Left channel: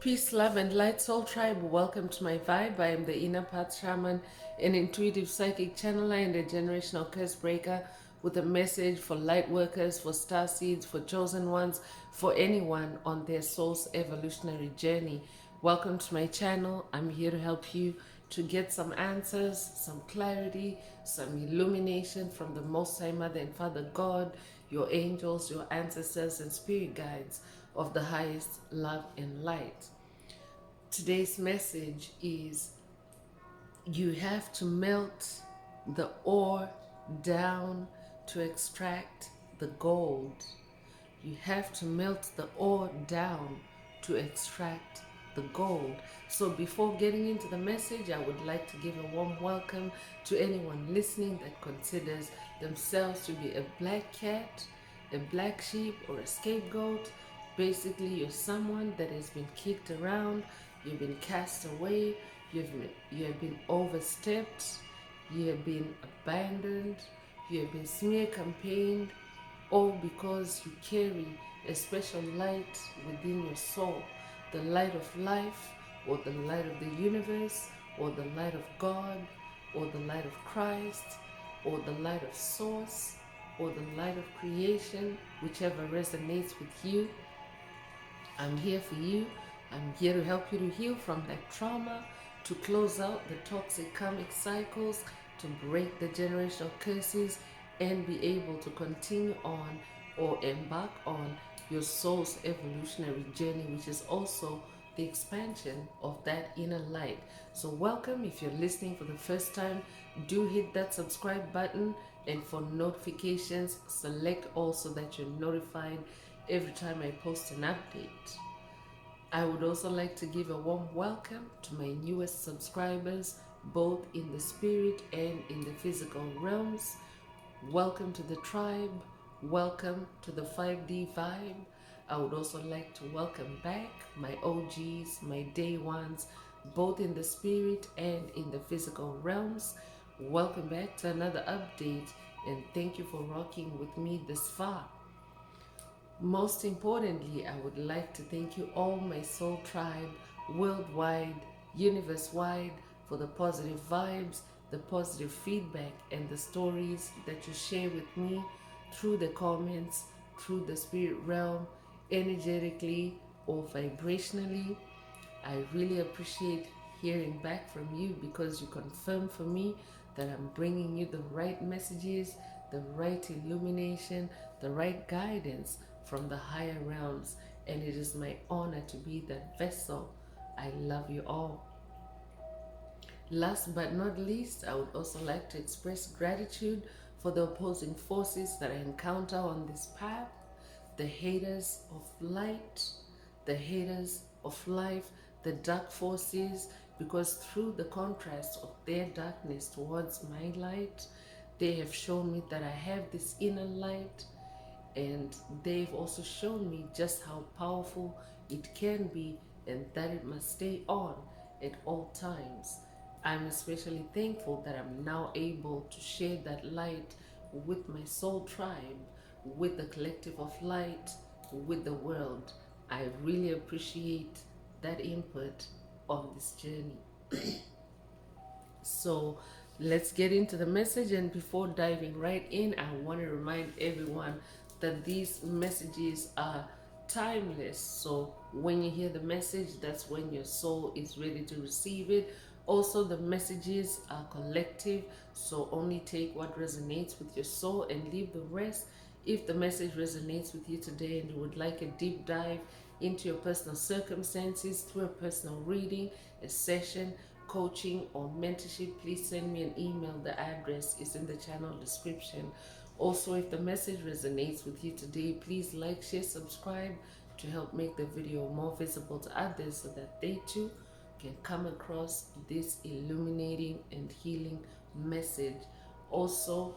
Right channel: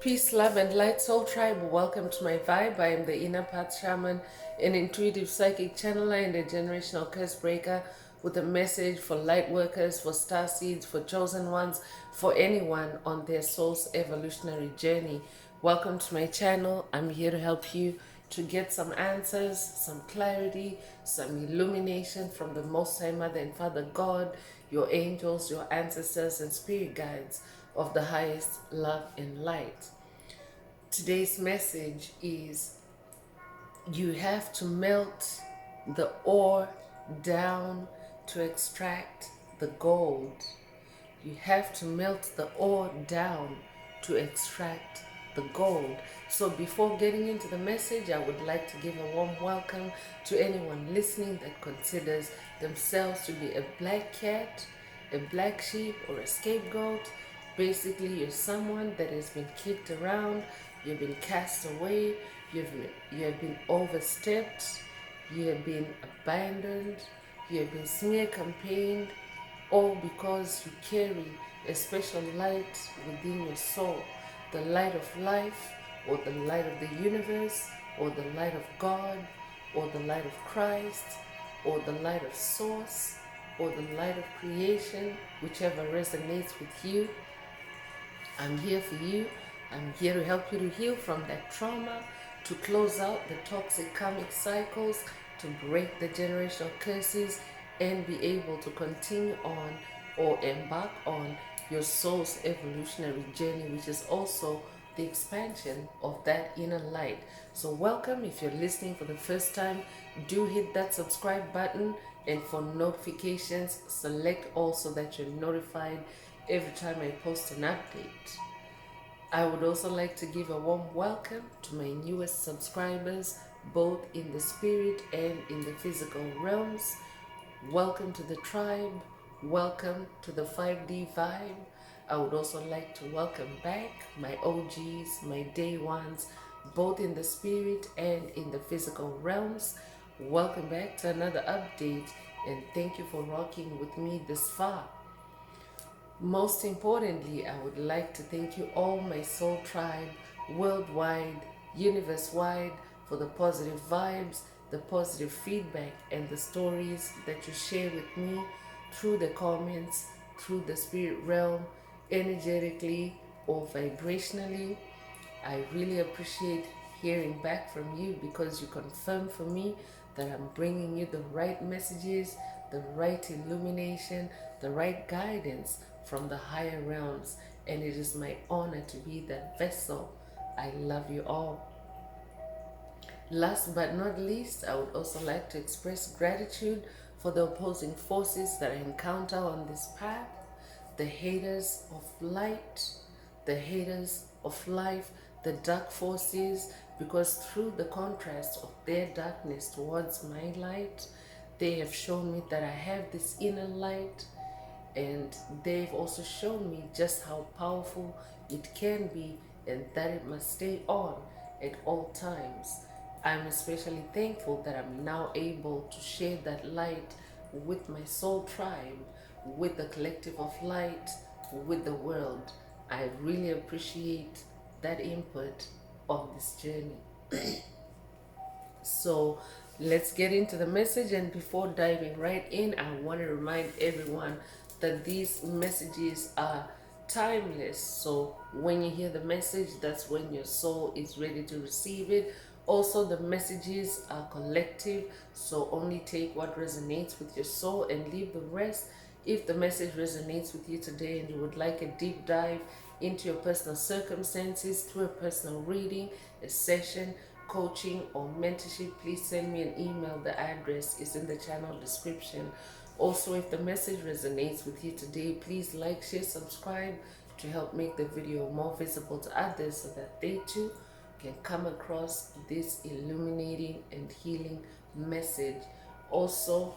Peace, love, and light, soul tribe. Welcome to my vibe. I am the inner path shaman, an intuitive psychic channeler, and a generational curse breaker with a message for light workers, for star seeds, for chosen ones, for anyone on their soul's evolutionary journey. Welcome to my channel. I'm here to help you to get some answers, some clarity, some illumination from the Most High Mother and Father God, your angels, your ancestors, and spirit guides of the highest love and light. Today's message is you have to melt the ore down to extract the gold. You have to melt the ore down to extract the gold. So before getting into the message, I would like to give a warm welcome to anyone listening that considers themselves to be a black cat, a black sheep, or a scapegoat. Basically, you're someone that has been kicked around, you've been cast away, you have been overstepped, you have been abandoned, you have been smear campaigned, all because you carry a special light within your soul, the light of life, or the light of the universe, or the light of God, or the light of Christ, or the light of Source, or the light of creation, whichever resonates with you. I'm here for you. I'm here to help you to heal from that trauma, to close out the toxic karmic cycles, to break the generational curses, and be able to continue on or embark on your soul's evolutionary journey, which is also the expansion of that inner light. So welcome. If you're listening for the first time, do hit that subscribe button, and for notifications, select all so that you're notified every time I post an update. I would also like to give a warm welcome to my newest subscribers, both in the spirit and in the physical realms. Welcome to the tribe. Welcome to the 5D vibe. I would also like to welcome back my OGs, my day ones, both in the spirit and in the physical realms. Welcome back to another update, and thank you for rocking with me this far. Most importantly, I would like to thank you all, my soul tribe, worldwide, universe-wide, for the positive vibes, the positive feedback, and the stories that you share with me through the comments, through the spirit realm, energetically or vibrationally. I really appreciate hearing back from you, because you confirm for me that I'm bringing you the right messages, the right illumination, the right guidance from the higher realms, and it is my honor to be that vessel. I love you all. Last but not least, I would also like to express gratitude for the opposing forces that I encounter on this path, the haters of light, the haters of life, the dark forces, because through the contrast of their darkness towards my light, they have shown me that I have this inner light, and they've also shown me just how powerful it can be, and that it must stay on at all times. I'm especially thankful that I'm now able to share that light with my soul tribe, with the collective of light, with the world. I really appreciate that input on this journey. So let's get into the message, and before diving right in, I want to remind everyone that these messages are timeless. So when you hear the message, that's when your soul is ready to receive it. Also, the messages are collective, so only take what resonates with your soul and leave the rest. If the message resonates with you today and you would like a deep dive into your personal circumstances through a personal reading, a session, coaching, or mentorship, please send me an email. The address is in the channel description. Also, if the message resonates with you today, please like, share, subscribe to help make the video more visible to others, so that they too can come across this illuminating and healing message. Also,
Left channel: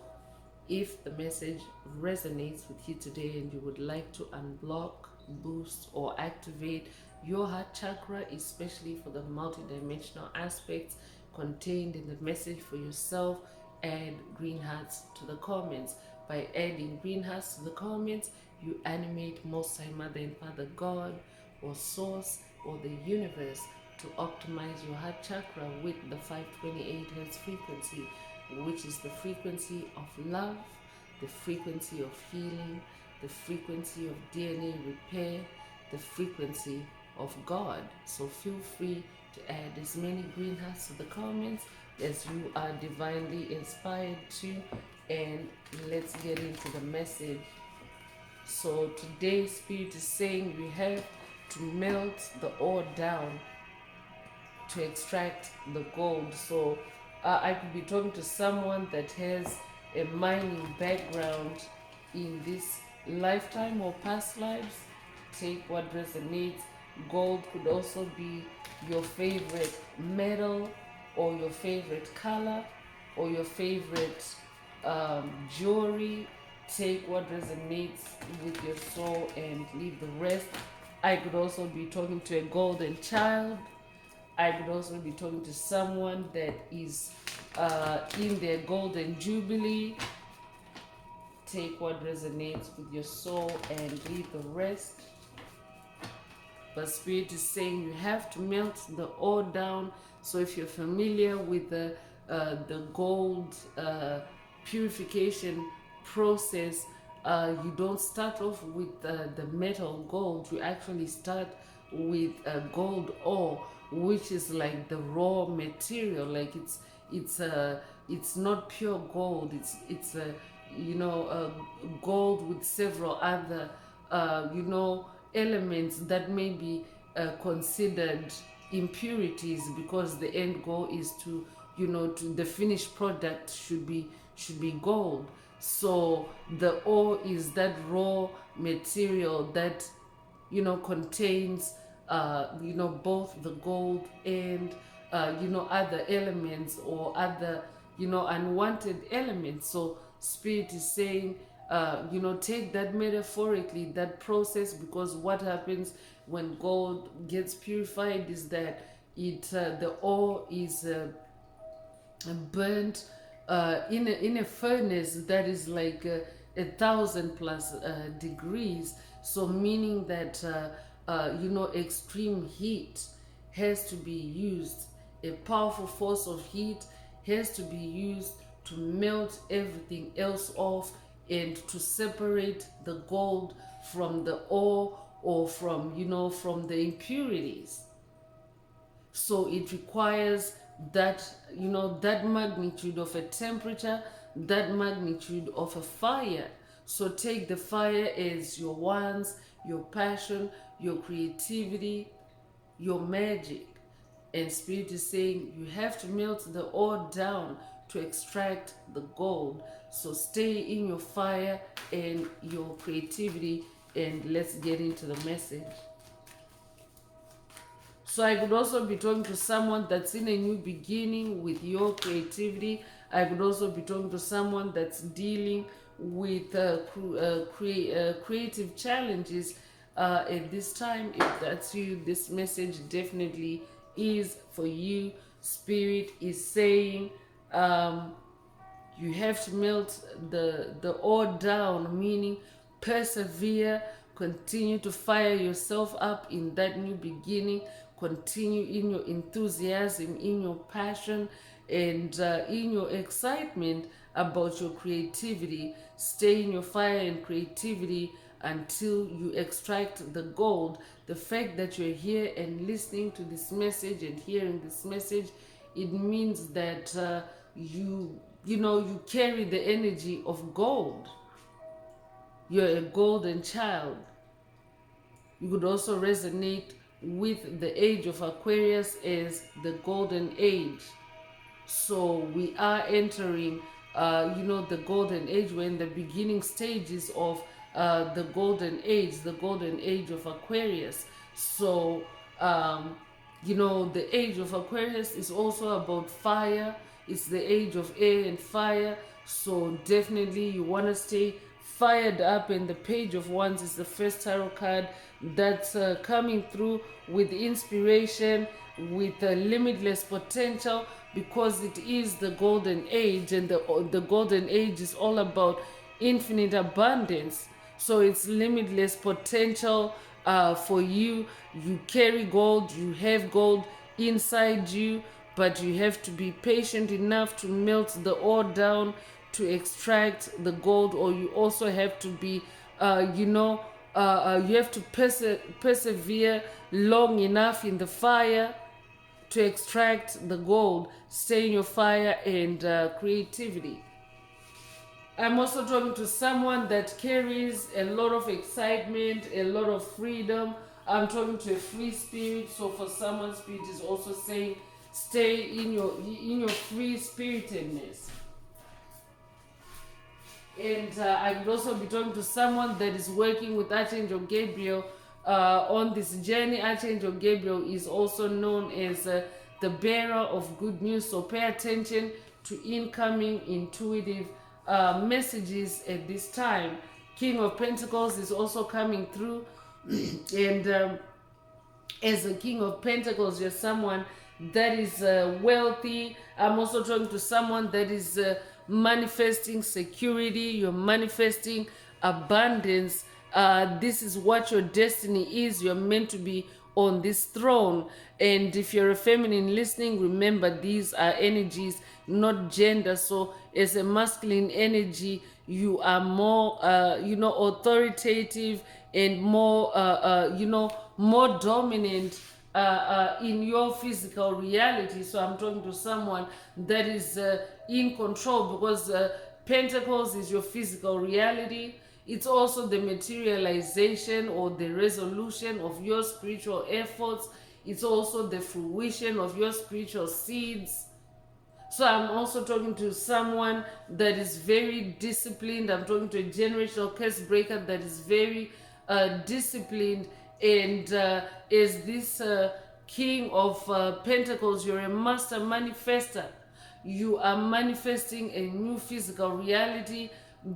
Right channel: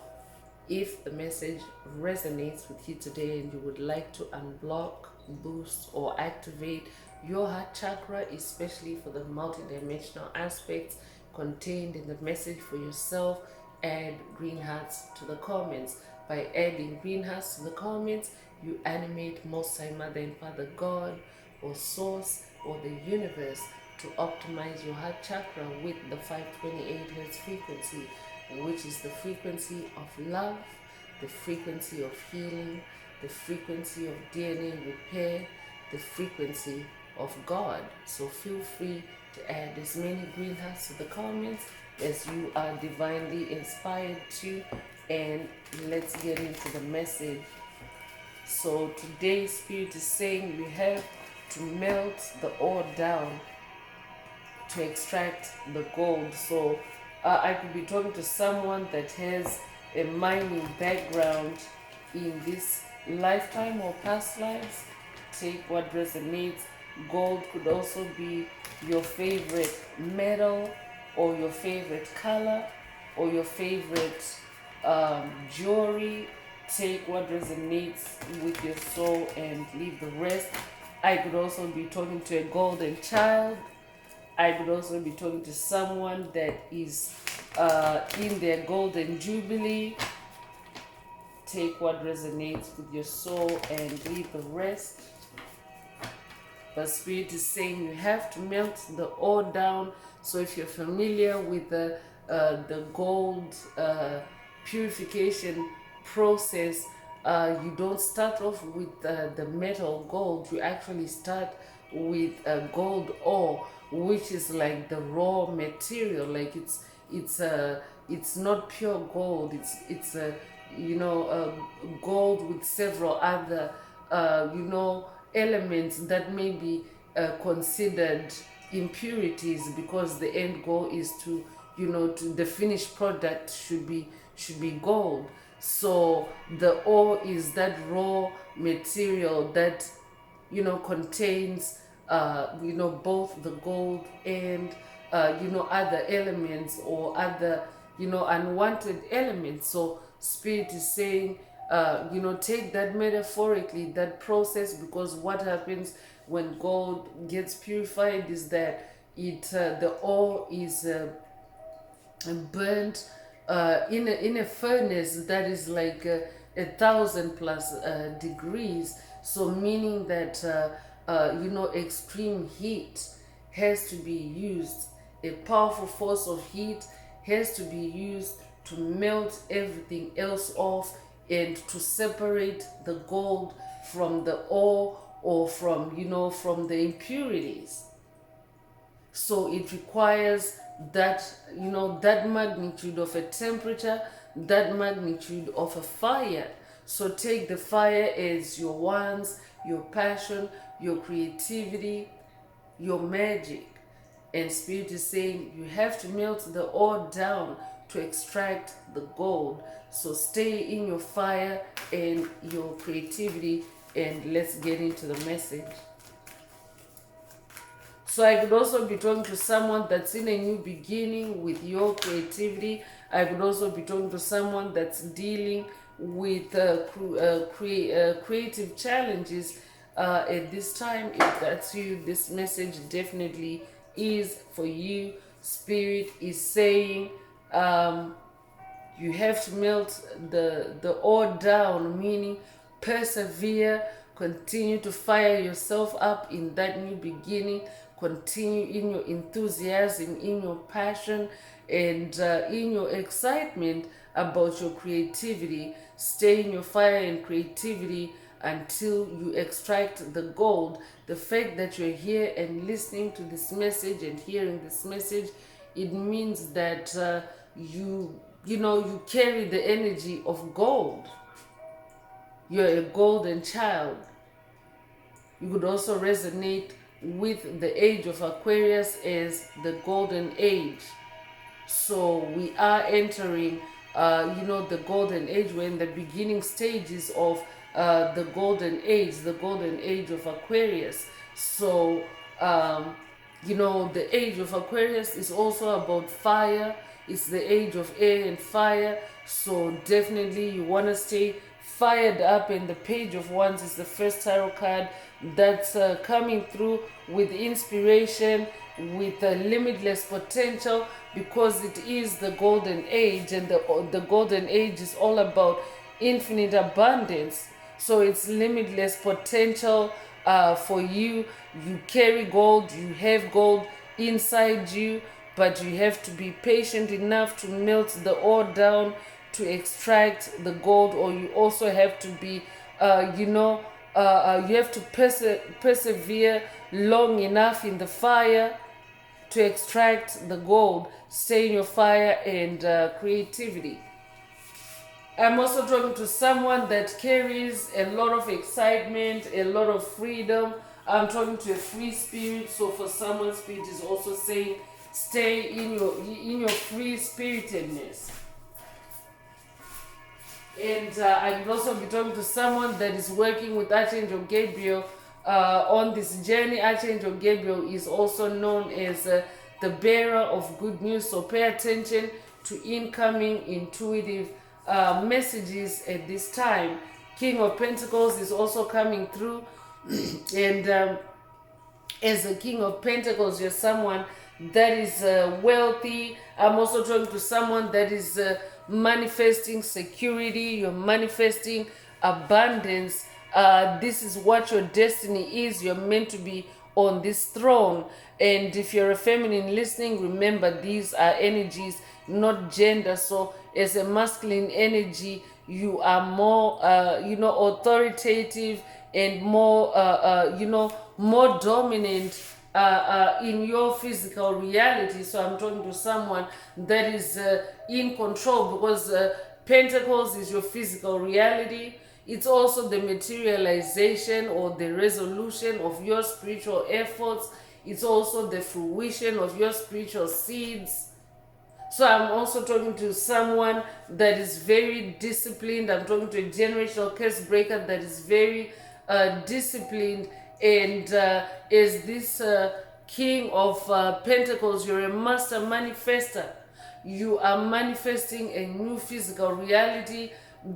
if the message resonates with you today and you would like to unblock, boost, or activate your heart chakra, especially for the multidimensional aspects contained in the message for yourself, add green hearts to the comments. By adding green hearts to the comments, you animate Most High Mother and Father God, or Source, or the universe to optimize your heart chakra with the 528 hertz frequency, which is the frequency of love, the frequency of healing, the frequency of DNA repair, the frequency of God. So feel free to add as many green hearts to the comments as you are divinely inspired to, and let's get into the message. So today Spirit is saying you have to melt the ore down to extract the gold. So I could be talking to someone that has a mining background in this lifetime or past lives. Take what resonates. Gold could also be your favorite metal or your favorite color or your favorite jewelry. Take what resonates with your soul and leave the rest. I could also be talking to a golden child. I could also be talking to someone that is in their golden jubilee. Take what resonates with your soul and leave the rest. But Spirit is saying you have to melt the ore down. So if you're familiar with the gold purification process, you don't start off with the metal gold. You actually start with gold ore, which is like the raw material. Like it's not pure gold. It's gold with several other elements that may be considered impurities, because the end goal is to the finished product should be gold. So the ore is that raw material that contains both the gold and other elements or other unwanted elements. So Spirit is saying take that metaphorically, that process, because what happens when gold gets purified is that the ore is burnt in a furnace that is like 1,000+ degrees. So meaning that extreme heat has to be used. A powerful force of heat has to be used to melt everything else off and to separate the gold from the ore or from the impurities. So it requires that that magnitude of a temperature, that magnitude of a fire. So take the fire as your wants, your passion, your creativity, your magic. And Spirit is saying you have to melt the ore down to extract the gold. So stay in your fire and your creativity, and let's get into the message. So I could also be talking to someone that's in a new beginning with your creativity. I could also be talking to someone that's dealing with creative challenges at this time. If that's you, this message definitely is for you. Spirit is saying you have to melt the ore down, meaning persevere, continue to fire yourself up in that new beginning, continue in your enthusiasm, in your passion, and in your excitement about your creativity. Stay in your fire and creativity until you extract the gold. The fact that you're here and listening to this message and hearing this message, it means that you carry the energy of gold. You're a golden child. You could also resonate with the age of Aquarius as the golden age. So we are entering the golden age. We're in the beginning stages of the golden age of Aquarius. So the age of Aquarius is also about fire. It's the age of air and fire. So definitely you want to stay fired up, and the Page of Wands is the first tarot card that's coming through with inspiration, with limitless potential, because it is the golden age, and the golden age is all about infinite abundance. So it's limitless potential, for you. You carry gold, you have gold inside you, but you have to be patient enough to melt the ore down to extract the gold. Or you also have to be you have to persevere long enough in the fire to extract the gold. Stay in your fire and creativity. I'm also talking to someone that carries a lot of excitement, a lot of freedom. I'm talking to a free spirit. So for someone, spirit is also saying, stay in your free spiritedness. And I could also be talking to someone that is working with Archangel Gabriel on this journey. Archangel Gabriel is also known as the bearer of good news. So pay attention to incoming intuitive messages at this time. King of Pentacles is also coming through. And as a King of Pentacles, you're someone that is wealthy. I'm also talking to someone that is manifesting security. You're manifesting abundance. This is what your destiny is. You're meant to be on this throne. And if you're a feminine listening, remember these are energies, not gender. So as a masculine energy, you are more authoritative and more more dominant in your physical reality. So I'm talking to someone that is in control, because Pentacles is your physical reality. It's also the materialization or the resolution of your spiritual efforts. It's also the fruition of your spiritual seeds. So I'm also talking to someone that is very disciplined. I'm talking to a generational curse breaker that is very disciplined. And as this King of Pentacles, you're a master manifester. You are manifesting a new physical reality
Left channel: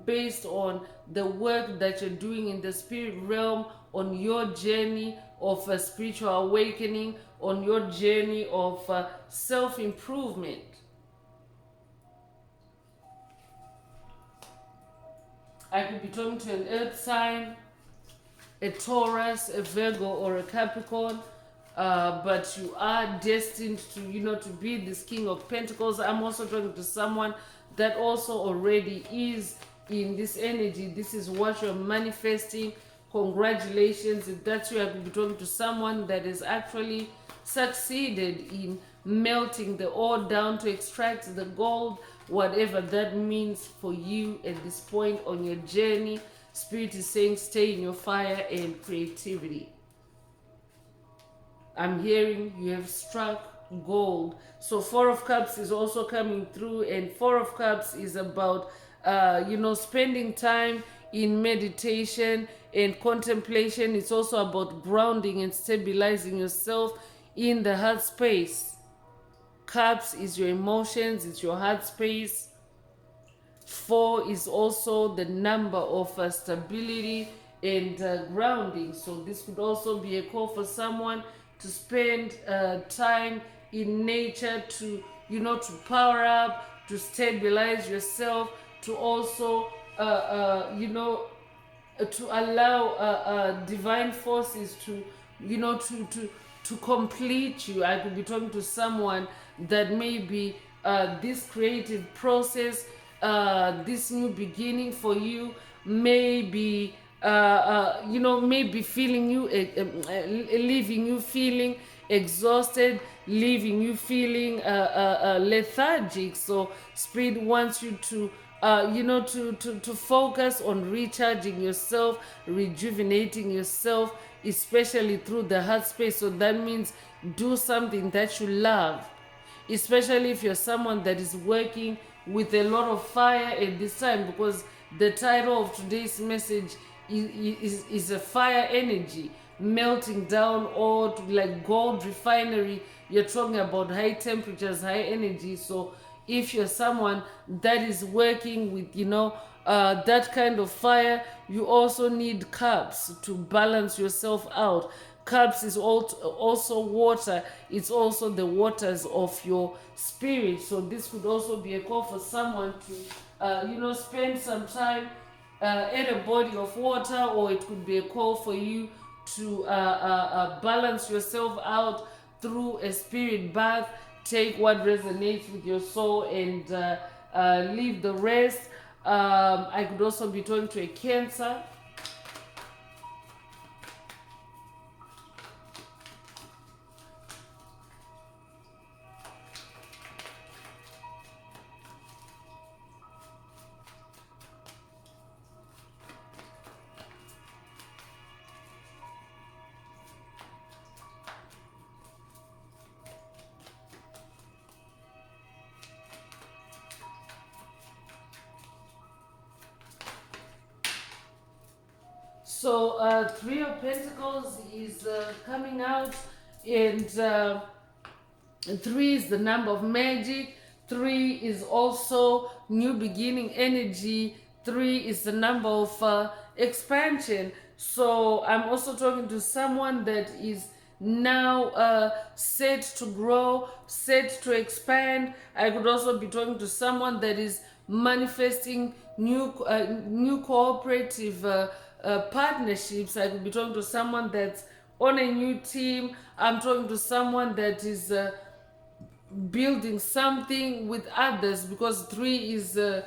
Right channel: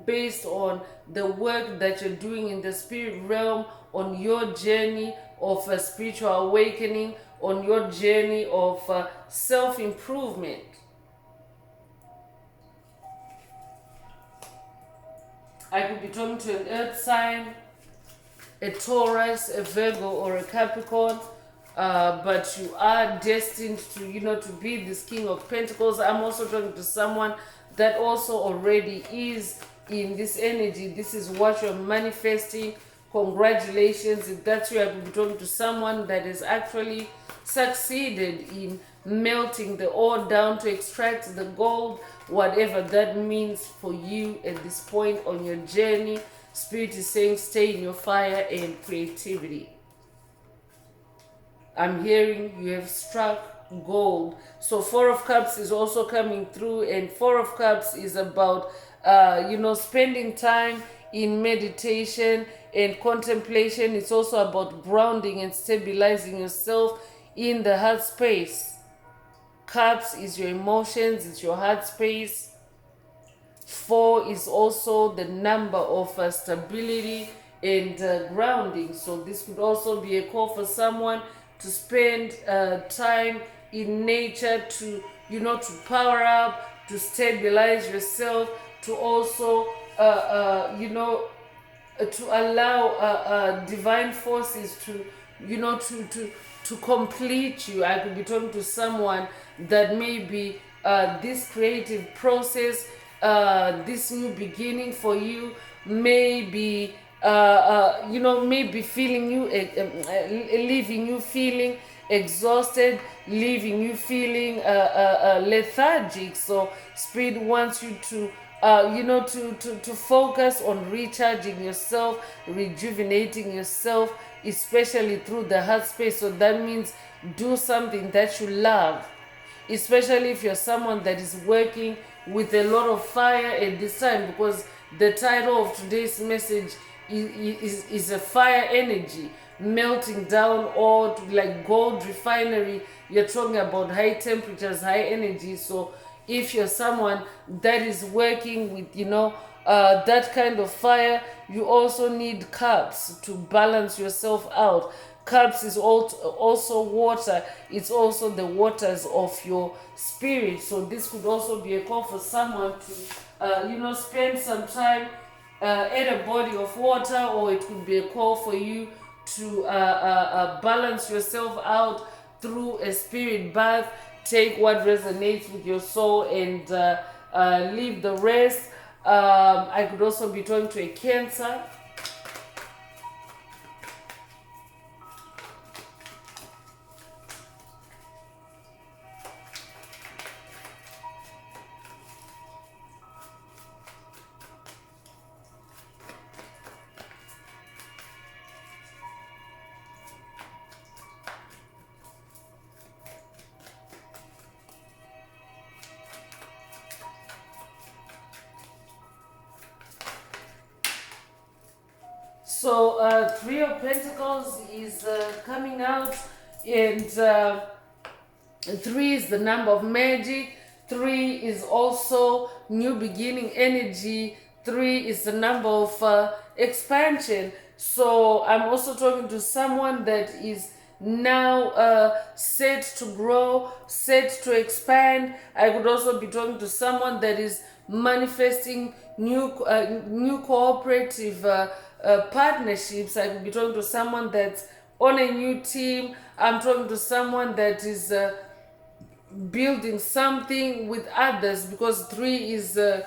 based on the work that you're doing in the spirit realm, on your journey of a spiritual awakening, on your journey of self-improvement. I could be talking to an earth sign, a Taurus, a Virgo, or a Capricorn, but you are destined to be this King of Pentacles. I'm also talking to someone that also already is in this energy. This is what you're manifesting. Congratulations. If that's you, I could be talking to someone that has actually succeeded in melting the ore down to extract the gold, whatever that means for you at this point on your journey. Spirit is saying, stay in your fire and creativity. I'm hearing you have struck gold. So Four of Cups is also coming through, and Four of Cups is about spending time in meditation and contemplation. It's also about grounding and stabilizing yourself in the heart space. Cups is your emotions, it's your heart space. 4 is also the number of stability and grounding. So this could also be a call for someone to spend time in nature to power up, to stabilize yourself, to also to allow divine forces to complete you. I could be talking to someone that maybe this creative process, this new beginning for you, maybe maybe feeling you, leaving you feeling exhausted, leaving you feeling lethargic. So Spirit wants you to to focus on recharging yourself, rejuvenating yourself, especially through the heart space. So that means do something that you love, especially if you're someone that is working with a lot of fire at this time, because the title of today's message is a fire energy, melting down, or like gold refinery. You're talking about high temperatures, high energy. So if you're someone that is working with that kind of fire, you also need cups to balance yourself out. Cups is also water. It's also the waters of your spirit. So this could also be a call for someone to spend some time at a body of water, or it could be a call for you to balance yourself out through a spirit bath. Take what resonates with your soul and leave the rest. I could also be talking to a Cancer. So Three of Pentacles is coming out, and 3 is the number of magic. 3 is also new beginning energy. 3 is the number of expansion. So I'm also talking to someone that is now set to grow, set to expand. I could also be talking to someone that is manifesting new cooperative partnerships. I could be talking to someone that's on a new team. I'm talking to someone that is building something with others, because 3 is a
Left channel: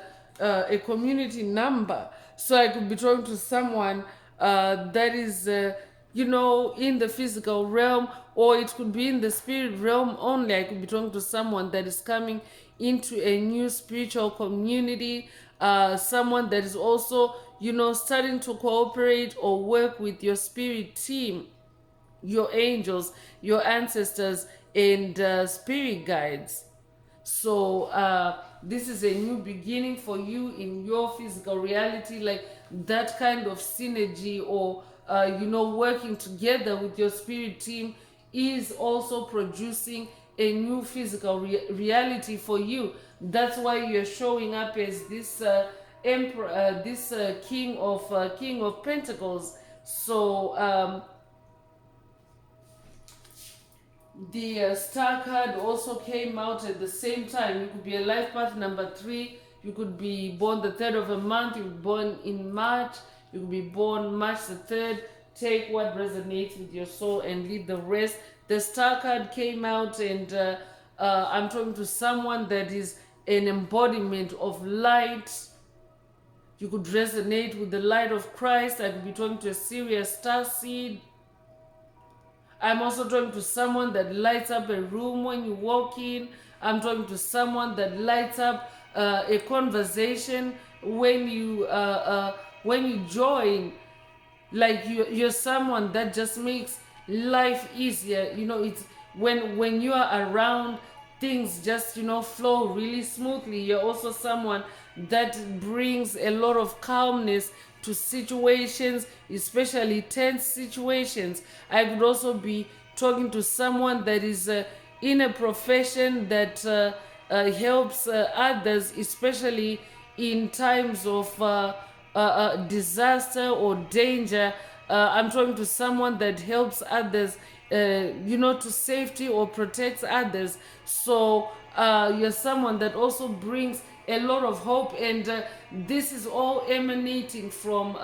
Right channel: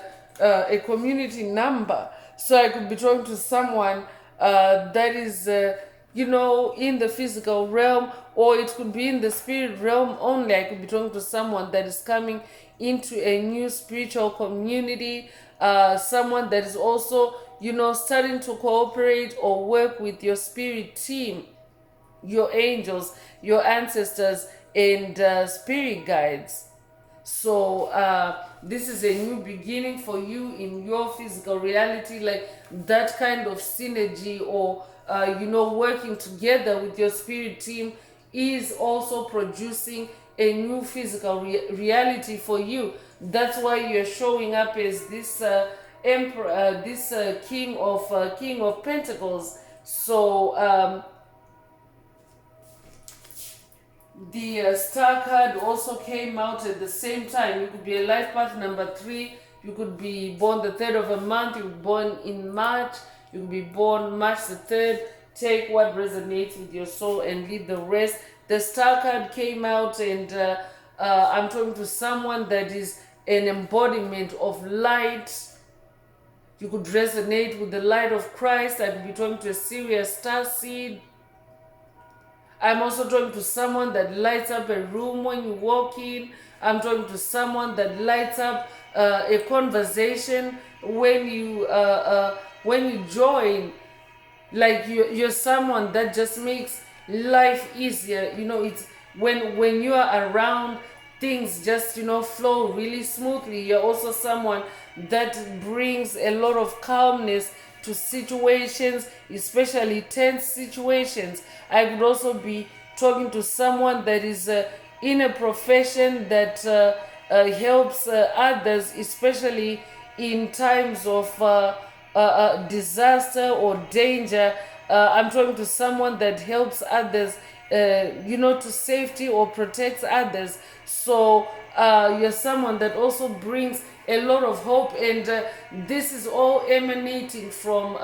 community number. So I could be talking to someone that is in the physical realm, or it could be in the spirit realm only. I could be talking to someone that is coming into a new spiritual community, someone that is also starting to cooperate or work with your spirit team, your angels, your ancestors, and spirit guides. So this is a new beginning for you in your physical reality, like that kind of synergy, or working together with your spirit team is also producing a new physical reality for you. That's why you're showing up as this emperor, this king of Pentacles. So the star card also came out at the same time. You could be a life path number 3. You could be born the 3rd of a month. You could be born in March. You could be born March the 3rd. Take what resonates with your soul and leave the rest. The star card came out, and I'm talking to someone that is an embodiment of light. You could resonate with the light of Christ. I could be talking to a serious star seed. I'm also talking to someone that lights up a room when you walk in. I'm talking to someone that lights up a conversation when you join. Like you're someone that just makes life easier. It's when you are around, things just flow really smoothly. You're also someone that brings a lot of calmness to situations, especially tense situations. I could also be talking to someone that is in a profession that helps others, especially in times of disaster or danger. I'm talking to someone that helps others, to safety or protects others. So you're someone that also brings a lot of hope, and this is all emanating from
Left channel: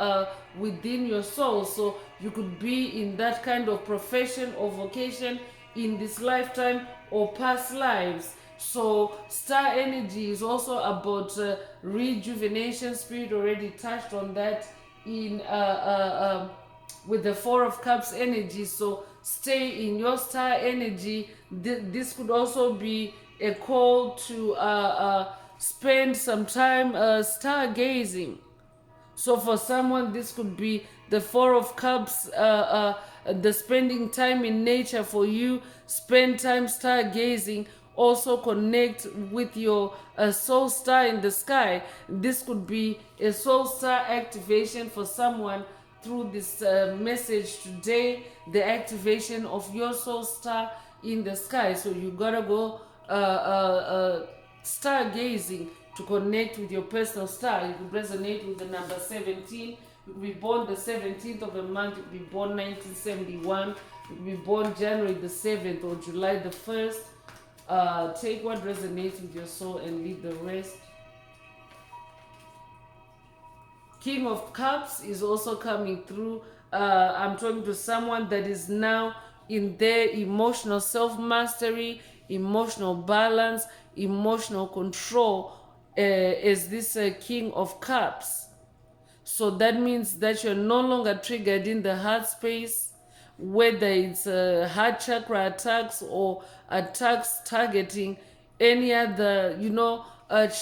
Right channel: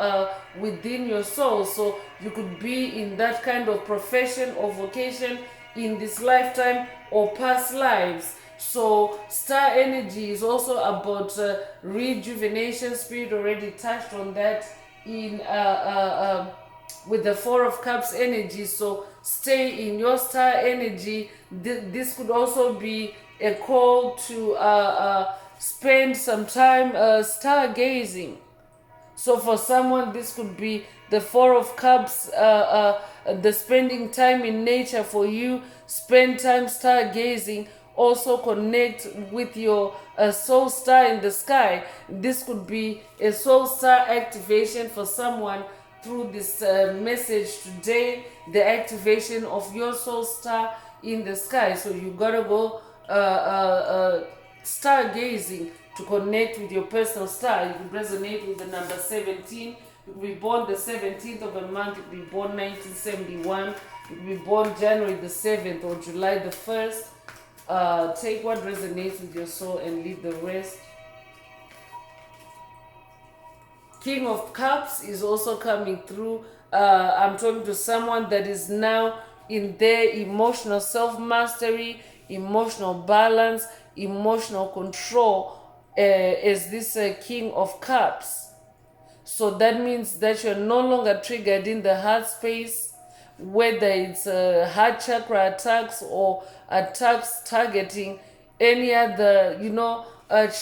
within your soul. So you could be in that kind of profession or vocation in this lifetime or past lives. So star energy is also about rejuvenation. Spirit already touched on that in with the 4 of Cups energy. So stay in your star energy. This could also be a call to spend some time stargazing. So for someone, this could be the 4 of Cups, the spending time in nature for you. Spend time stargazing. Also connect with your soul star in the sky. This could be a soul star activation for someone through this message today, the activation of your soul star in the sky. So you gotta go stargazing to connect with your personal star. You could resonate with the number 17. You could be born the 17th of a month. You could be born 1971. You could be born January the 7th or July the 1st. Take what resonates with your soul and leave the rest. King of Cups is also coming through. I'm talking to someone that is now in their emotional self-mastery, emotional balance, emotional control, as this King of Cups. So that means that you're no longer triggered in the heart space, whether it's heart chakra attacks or attacks targeting any other,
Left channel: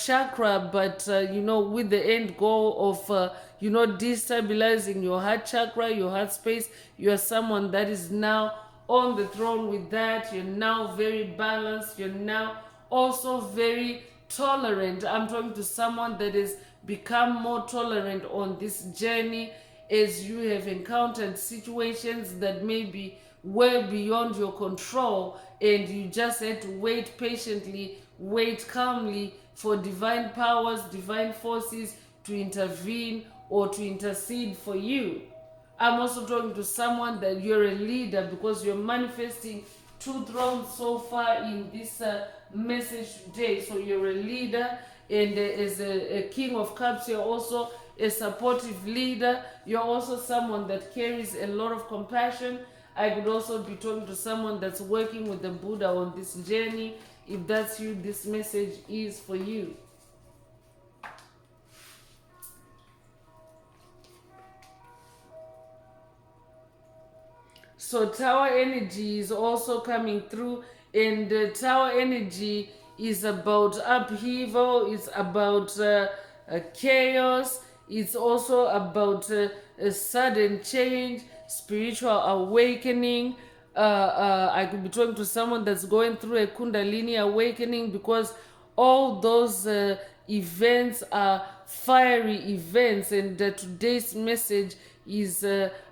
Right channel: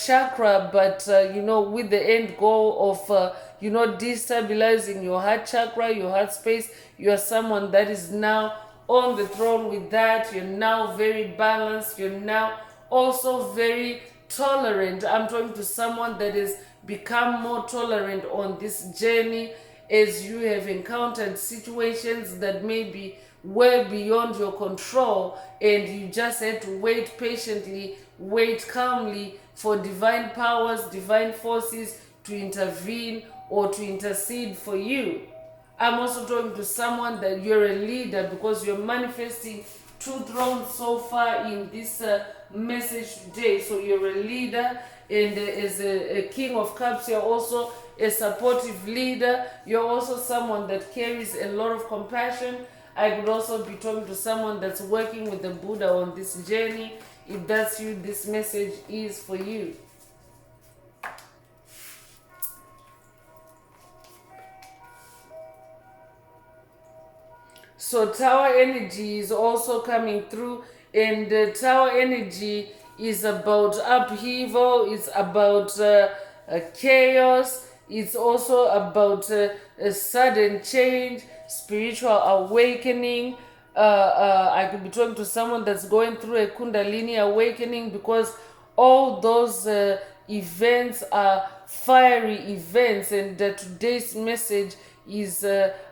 chakra, but, with the end goal of, destabilizing your heart chakra, your heart space. You are someone that is now on the throne with that. You're now very balanced. You're now also very tolerant. I'm talking to someone that has become more tolerant on this journey as you have encountered situations that may be well beyond your control, and you just had to wait patiently, wait calmly for divine powers, divine forces to intervene or to intercede for you. I'm also talking to someone that you're a leader, because you're manifesting 2 thrones so far in this message today. So you're a leader, and as a King of Cups, you're also a supportive leader. You're also someone that carries a lot of compassion. I could also be talking to someone that's working with the Buddha on this journey. If that's you, this message is for you. So Tower energy is also coming through, and Tower energy is about upheaval, it's about chaos, it's also about a sudden change, spiritual awakening. I could be talking to someone that's going through a Kundalini awakening, because all those events are fiery events, and today's message is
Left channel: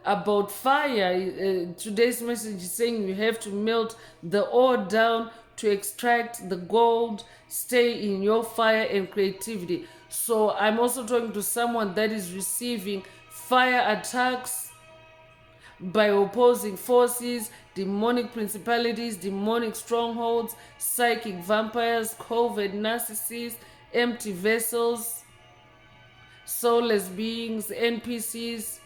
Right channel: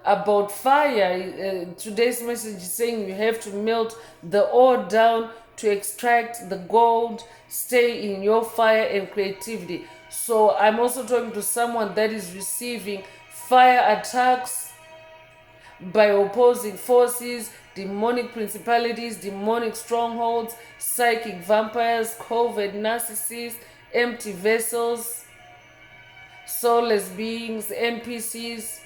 about fire. Today's message is saying you have to melt the ore down to extract the gold. Stay in your fire and creativity. So I'm also talking to someone that is receiving fire attacks by opposing forces, demonic principalities, demonic strongholds, psychic vampires, covert narcissists, empty vessels, soulless beings, NPCs,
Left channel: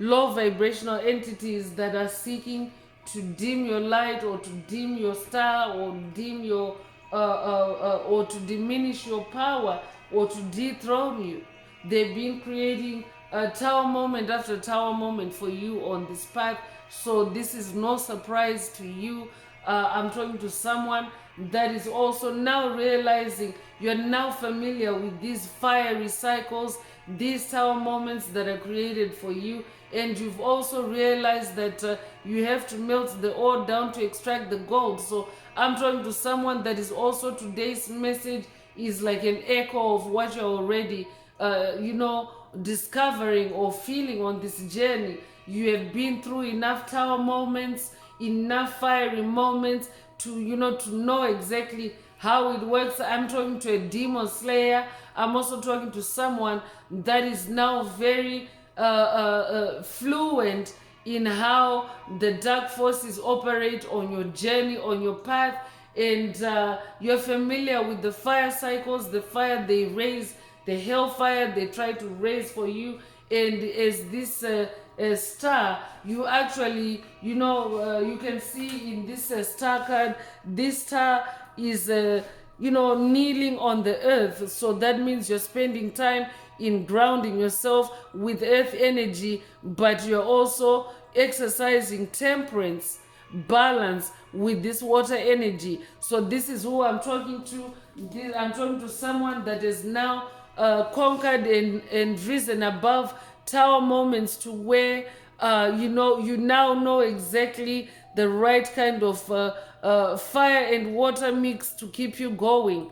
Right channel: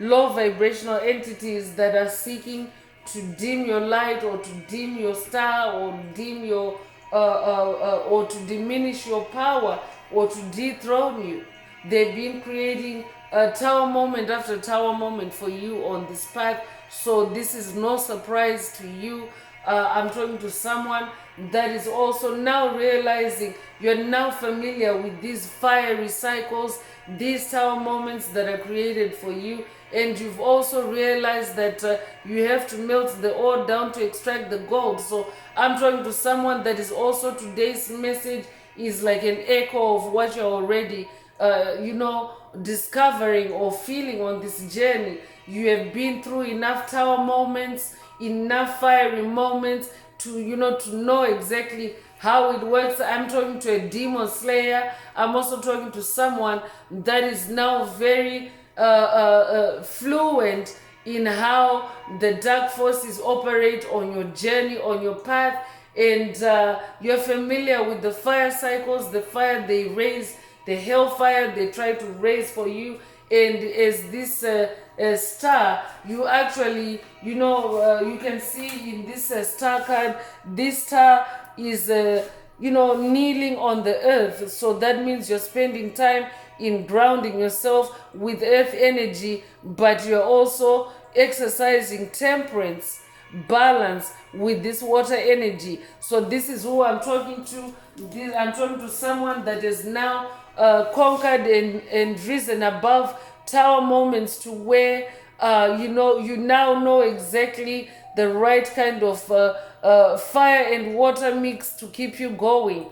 low vibrational entities that are seeking to dim your light, or to dim your star, or dim your or to diminish your power, or to dethrone you. They've been creating a tower moment after tower moment for you on this path. So this is no surprise to you. I'm talking to someone that is also now realizing you're now familiar with these fiery cycles, these tower moments that are created for you, and you've also realized that you have to melt the ore down to extract the gold. So I'm talking to someone that is also, today's message is like an echo of what you're already discovering or feeling on this journey. You have been through enough tower moments, enough fiery moments to know exactly how it works. I'm talking to a demon slayer. I'm also talking to someone that is now very fluent in how the dark forces operate on your journey, on your path, and you're familiar with the fire cycles, the fire they raise, the hellfire they try to raise for you. And as this star, you actually, you can see in this star card, this star is kneeling on the earth. So that means you're spending time in grounding yourself with earth energy, but you're also exercising temperance, balance with this water energy. So this is who I'm talking to. I'm talking to someone that is now conquered and risen above tower moments, to where you now know exactly the right kind of fire and water mix to keep you going,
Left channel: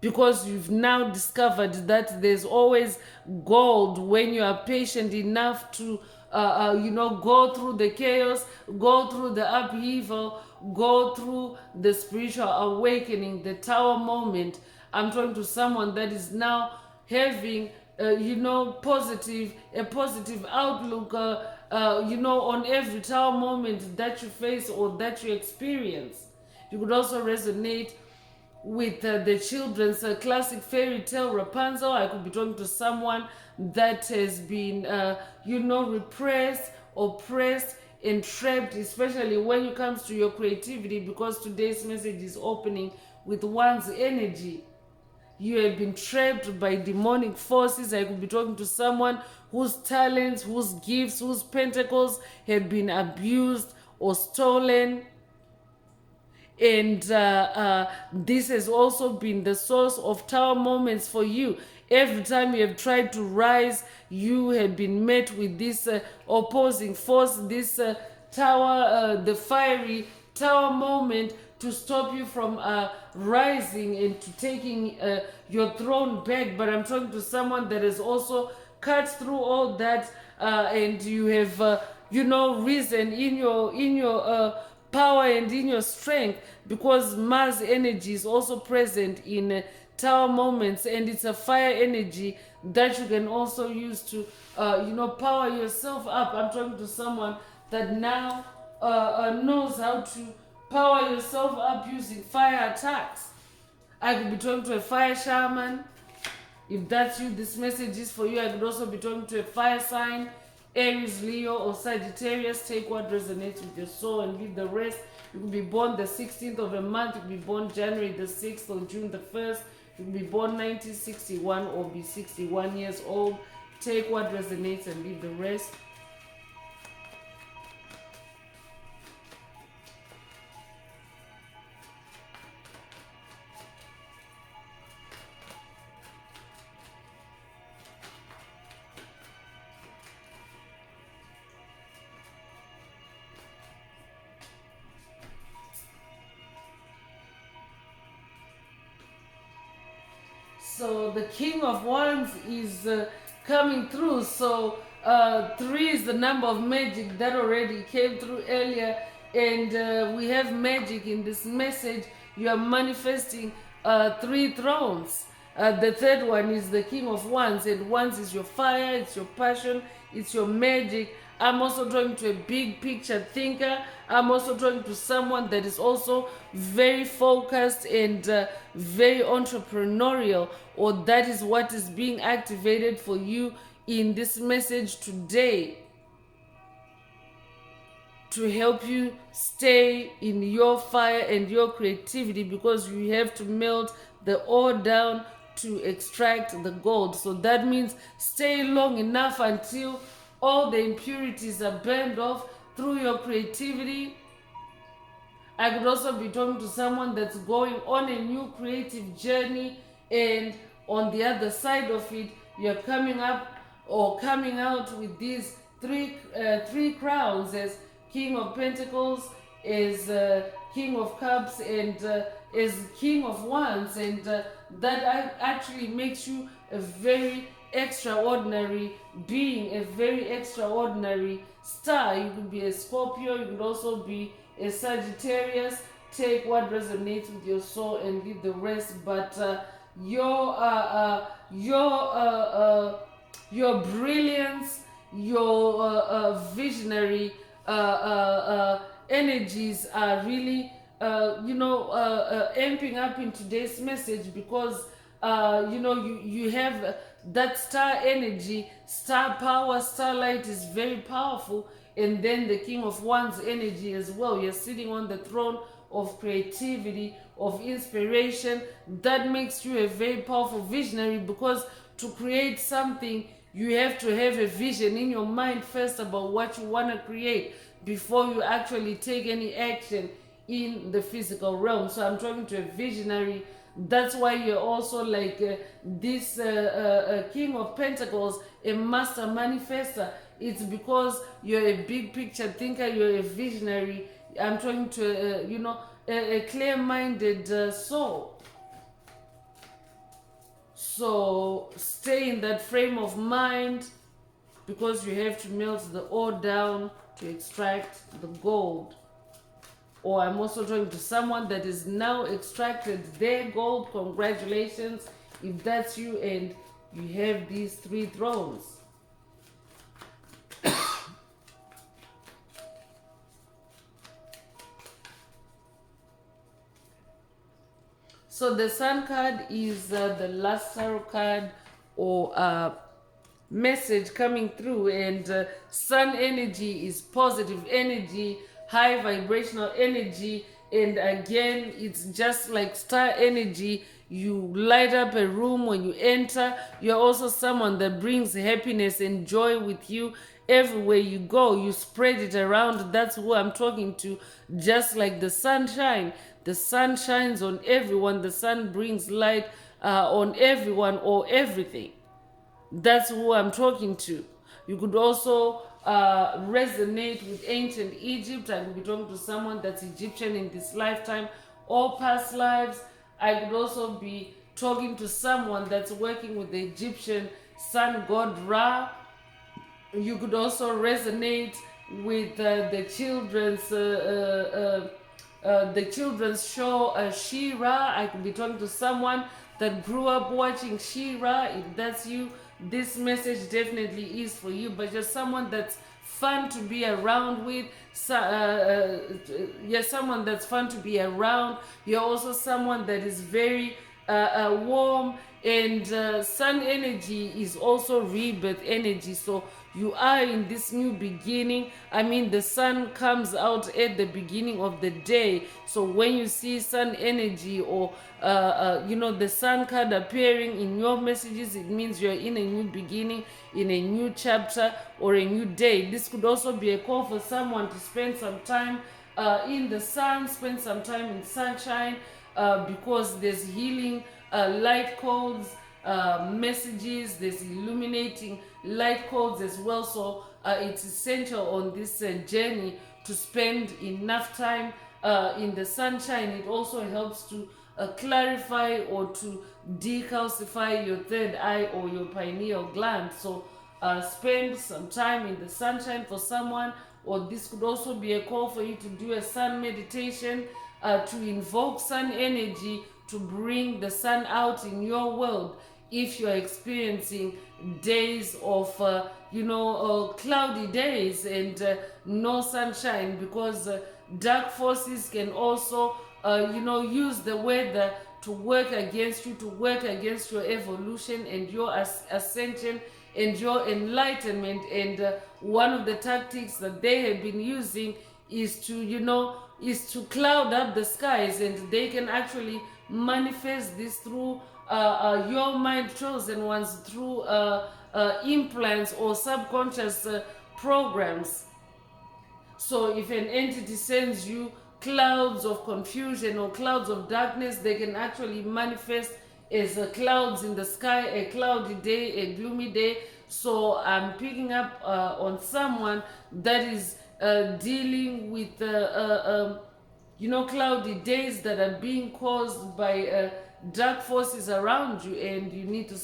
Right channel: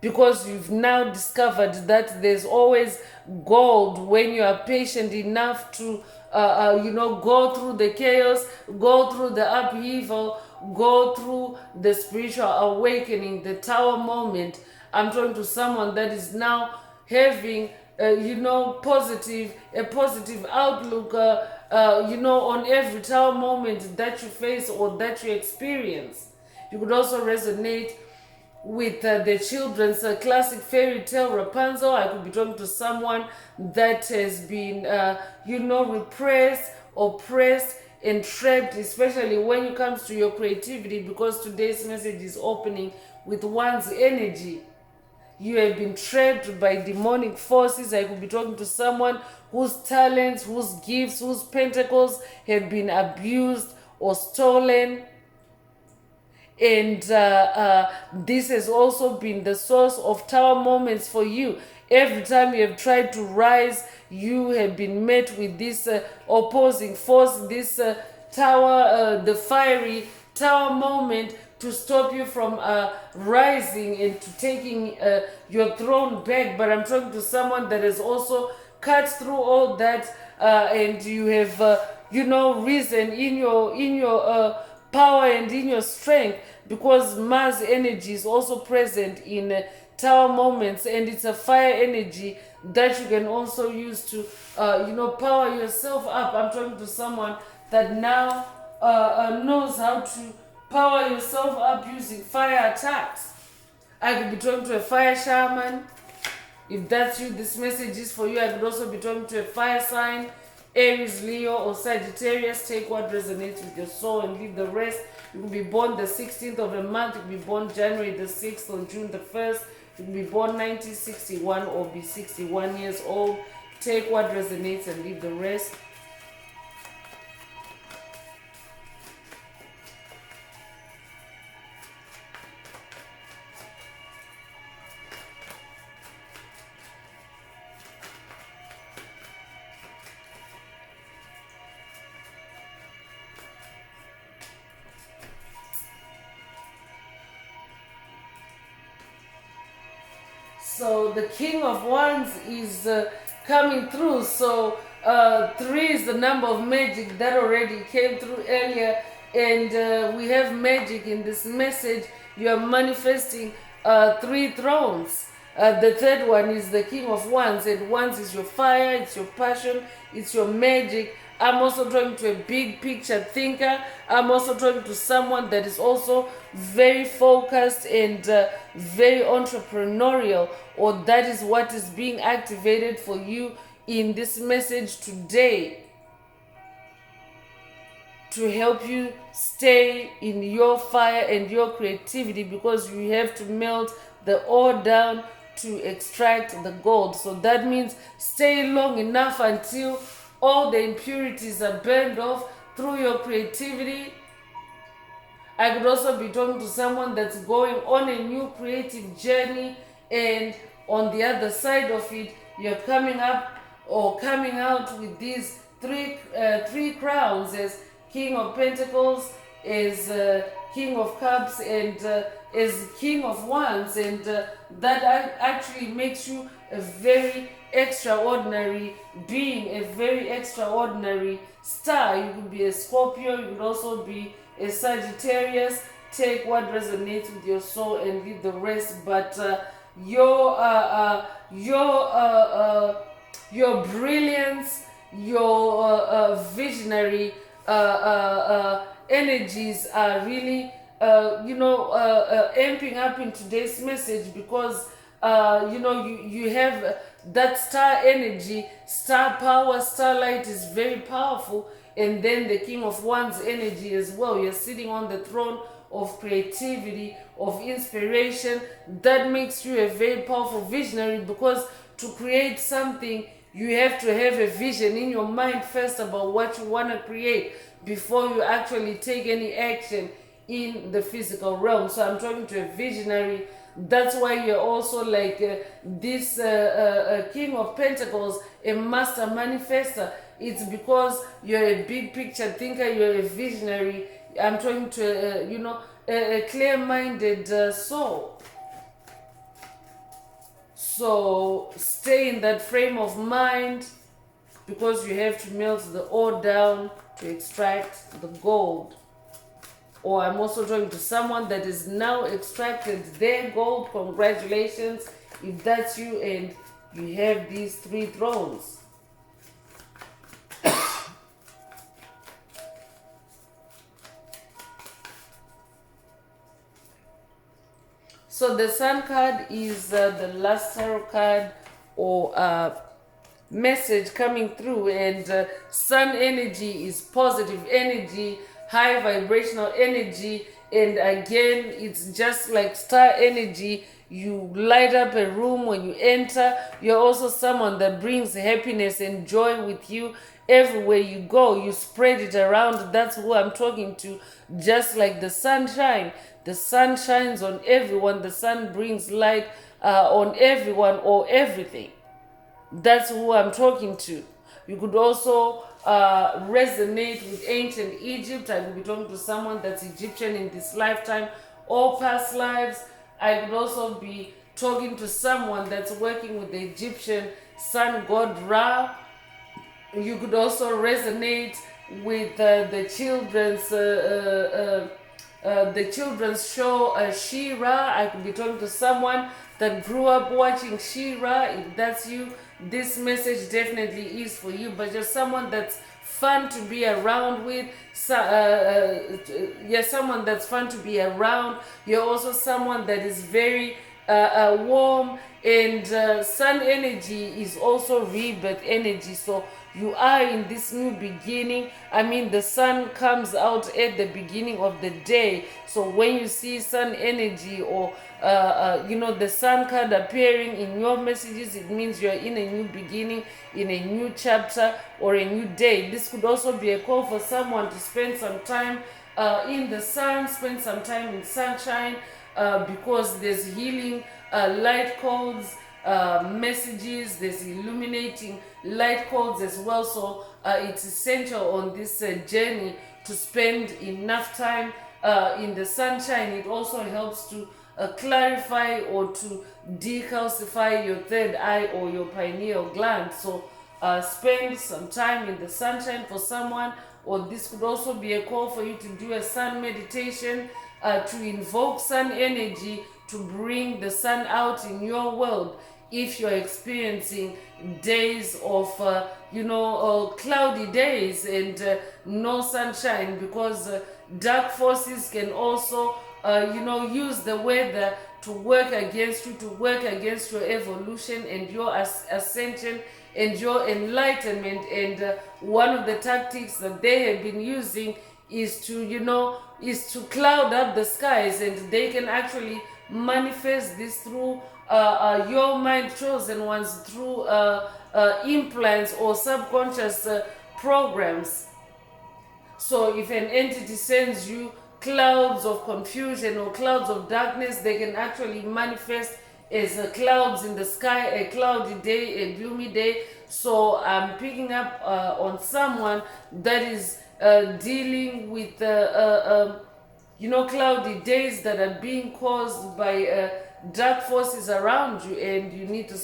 because you've now discovered that there's always gold when you are patient enough to go through the chaos, go through the upheaval, go through the spiritual awakening, the tower moment. I'm talking to someone that is now having a positive outlook on every tower moment that you face or that you experience. You could also resonate with the children's classic fairy tale Rapunzel. I could be talking to someone that has been, repressed, oppressed, and trapped, especially when it comes to your creativity, because today's message is opening with one's energy. You have been trapped by demonic forces. I could be talking to someone whose talents, whose gifts, whose pentacles have been abused or stolen. And this has also been the source of tower moments for you. Every time you have tried to rise, you have been met with this opposing force, this tower, the fiery tower moment to stop you from rising and to taking your throne back. But I'm talking to someone that has also cut through all that, and you have, risen in your power and in your strength, because Mars energy is also present in tower moments, and it's a fire energy that you can also use to power yourself up. I'm talking to someone that now knows how to power yourself up using fire attacks. I could be talking to a fire shaman. If that's you, this message is for you. I could also be talking to a fire sign, Aries, Leo, or Sagittarius. Take what resonates with your soul and leave the rest. You could be born the 16th of a month. You could be born January the 6th or June the 1st. You could be born 1961 or be 61 years old. Take what resonates and leave the rest. So the King of Wands is coming through. So 3 is the number of magic that already came through earlier. And we have magic in this message. You are manifesting 3 thrones. The third one is the King of Wands. And Wands is your fire, it's your passion, it's your magic. I'm also talking to a big picture thinker. I'm also talking to someone that is also very focused and very entrepreneurial, or that is what is being activated for you in this message today, to help you stay in your fire and your creativity, because you have to melt the ore down to extract the gold. So that means stay long enough until all the impurities are burned off through your creativity. I could also be talking to someone that's going on a new creative journey, and on the other side of it, you're coming up or coming out with these three crowns as King of Pentacles, as King of Cups, and as King of Wands, and that actually makes you a very extraordinary being, a very extraordinary star. You could be a Scorpio, you could also be a Sagittarius. Take what resonates with your soul and leave the rest. But your brilliance, your visionary energies are really amping up in today's message, because you have that star energy, star power, starlight is very powerful. And then the King of Wands energy as well. You're sitting on the throne of creativity, of inspiration. That makes you a very powerful visionary, because to create something, you have to have a vision in your mind first about what you want to create before you actually take any action in the physical realm. So I'm talking to a visionary. That's why you're also like this King of Pentacles, a master manifester. It's because you're a big picture thinker, you're a visionary. I'm talking to a clear-minded soul. So stay in that frame of mind, because you have to melt the ore down to extract the gold. Or I'm also talking to someone that is now extracted their gold. Congratulations if that's you and you have these 3 thrones. So the Sun card is the last tarot card or message coming through, and Sun energy is positive energy, high vibrational energy, and again it's just like star energy. You light up a room when you enter. You're also someone that brings happiness and joy with you everywhere you go. You spread it around. That's who I'm talking to. Just like the sunshine, the sun shines on everyone. The sun brings light on everyone or everything. That's who I'm talking to. You could also resonate with ancient Egypt. I could be talking to someone that's Egyptian in this lifetime or past lives. I could also be talking to someone that's working with the Egyptian sun god Ra. You could also resonate with the children's show She-Ra. I could be talking to someone that grew up watching She-Ra. If that's you, this message definitely is for you. But you're someone that's fun to be around with. You're someone that's fun to be around. You're also someone that is very warm, and sun energy is also rebirth energy. So you are in this new beginning. I mean, the sun comes out at the beginning of the day. So when you see sun energy or the sun card appearing in your messages, it means you're in a new beginning, in a new chapter or a new day. This could also be a call for someone to spend some time in the sun, spend some time in sunshine, because there's healing light codes, messages, there's illuminating light codes as well. So it's essential on this journey to spend enough time in the sunshine. It also helps to clarify or to decalcify your third eye or your pineal gland. So spend some time in the sunshine for someone, or this could also be a call for you to do a sun meditation to invoke sun energy to bring the sun out in your world. If you're experiencing days of cloudy days and no sunshine, because dark forces can also use the weather to work against you, to work against your evolution and your ascension and your enlightenment. And one of the tactics that they have been using is to cloud up the skies, and they can actually manifest this through your mind chosen ones, through implants or subconscious programs. So if an entity sends you clouds of confusion or clouds of darkness, they can actually manifest as clouds in the sky, a cloudy day, a gloomy day. So I'm picking up on someone that is dealing with cloudy days that are being caused by dark forces around you, and you need to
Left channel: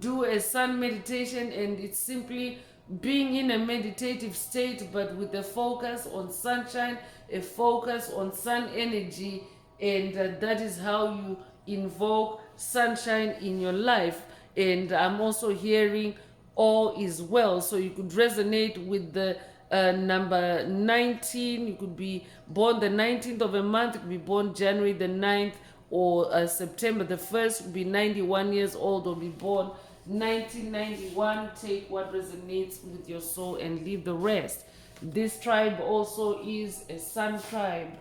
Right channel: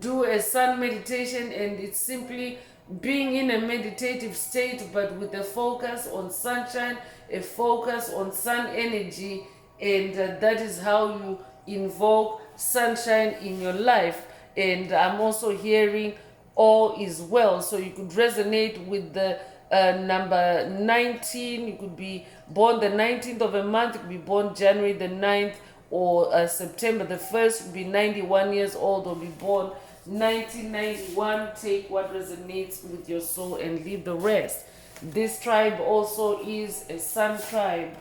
do a sun meditation. And it's simply being in a meditative state, but with a focus on sunshine, a focus on sun energy, and that is how you invoke sunshine in your life. And I'm also hearing all is well. So you could resonate with the number 19. You could be born the 19th of a month. You could be born January the 9th or September the 1st. You could be 91 years old or be born 1991. Take what resonates with your soul and leave the rest. This tribe also is a sun tribe.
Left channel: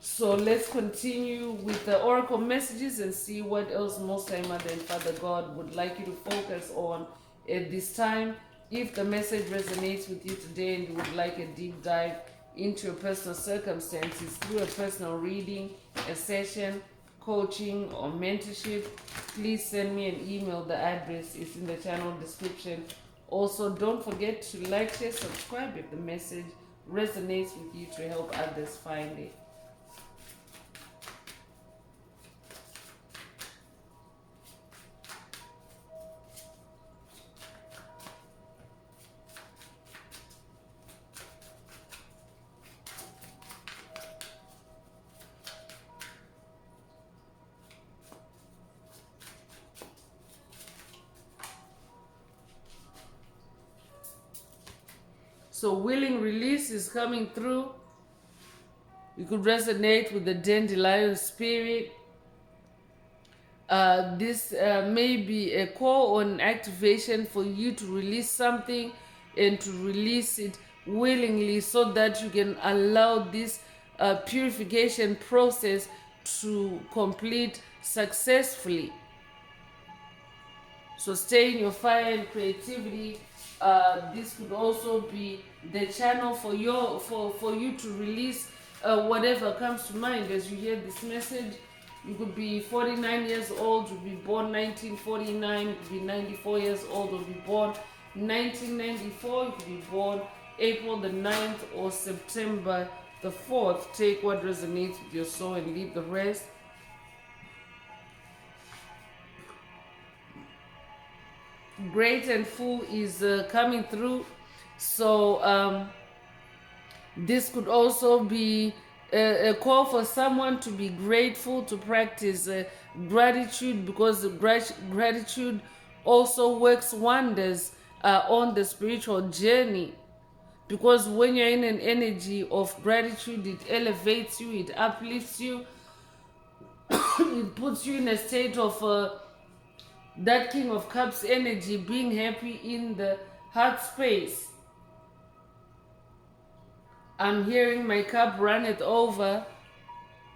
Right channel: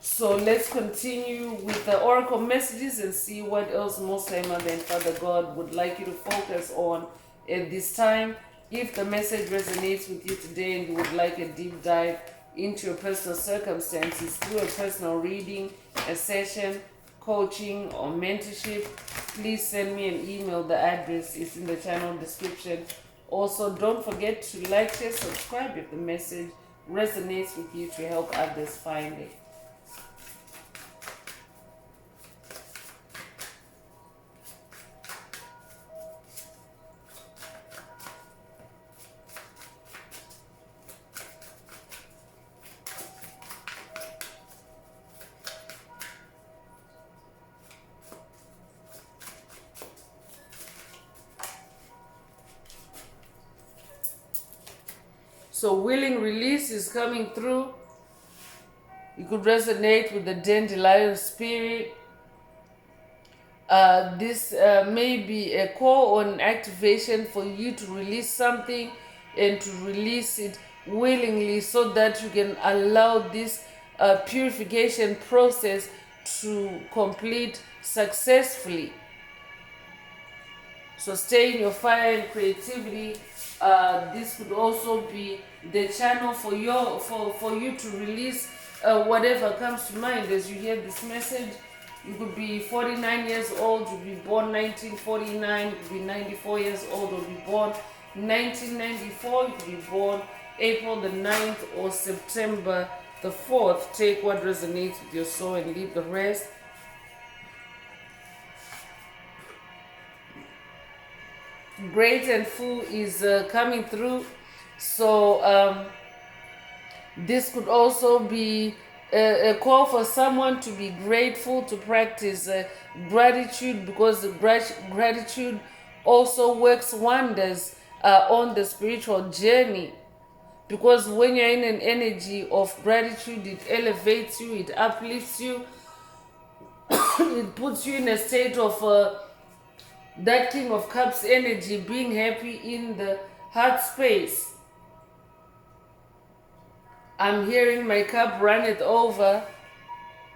So let's continue with the oracle messages and see what else Most High Mother and Father God would like you to focus on at this time. If the message resonates with you today and you would like a deep dive into your personal circumstances through a personal reading, a session, coaching, or mentorship, please send me an email. The address is in the channel description. Also, don't forget to like, share, subscribe if the message resonates with you to help others find it. So willing release is coming through. You could resonate with the dandelion spirit. This may be a call on activation for you to release something and to release it willingly so that you can allow this purification process to complete successfully. So stay in your fire and creativity. This could also be the channel for you to release whatever comes to mind as you hear this message. You could be 49 years old, you could be born 1949, you could be 94 years old, or be born 1994, you could be born April the 9th or September the 4th. Take what resonates with your soul and leave the rest. Great and full is coming through. So this could also be a call for someone to be grateful, to practice gratitude, because gratitude also works wonders on the spiritual journey. Because when you're in an energy of gratitude, it elevates you, it uplifts you, it puts you in a state of that King of Cups energy, being happy in the heart space. I'm hearing my cup runneth over.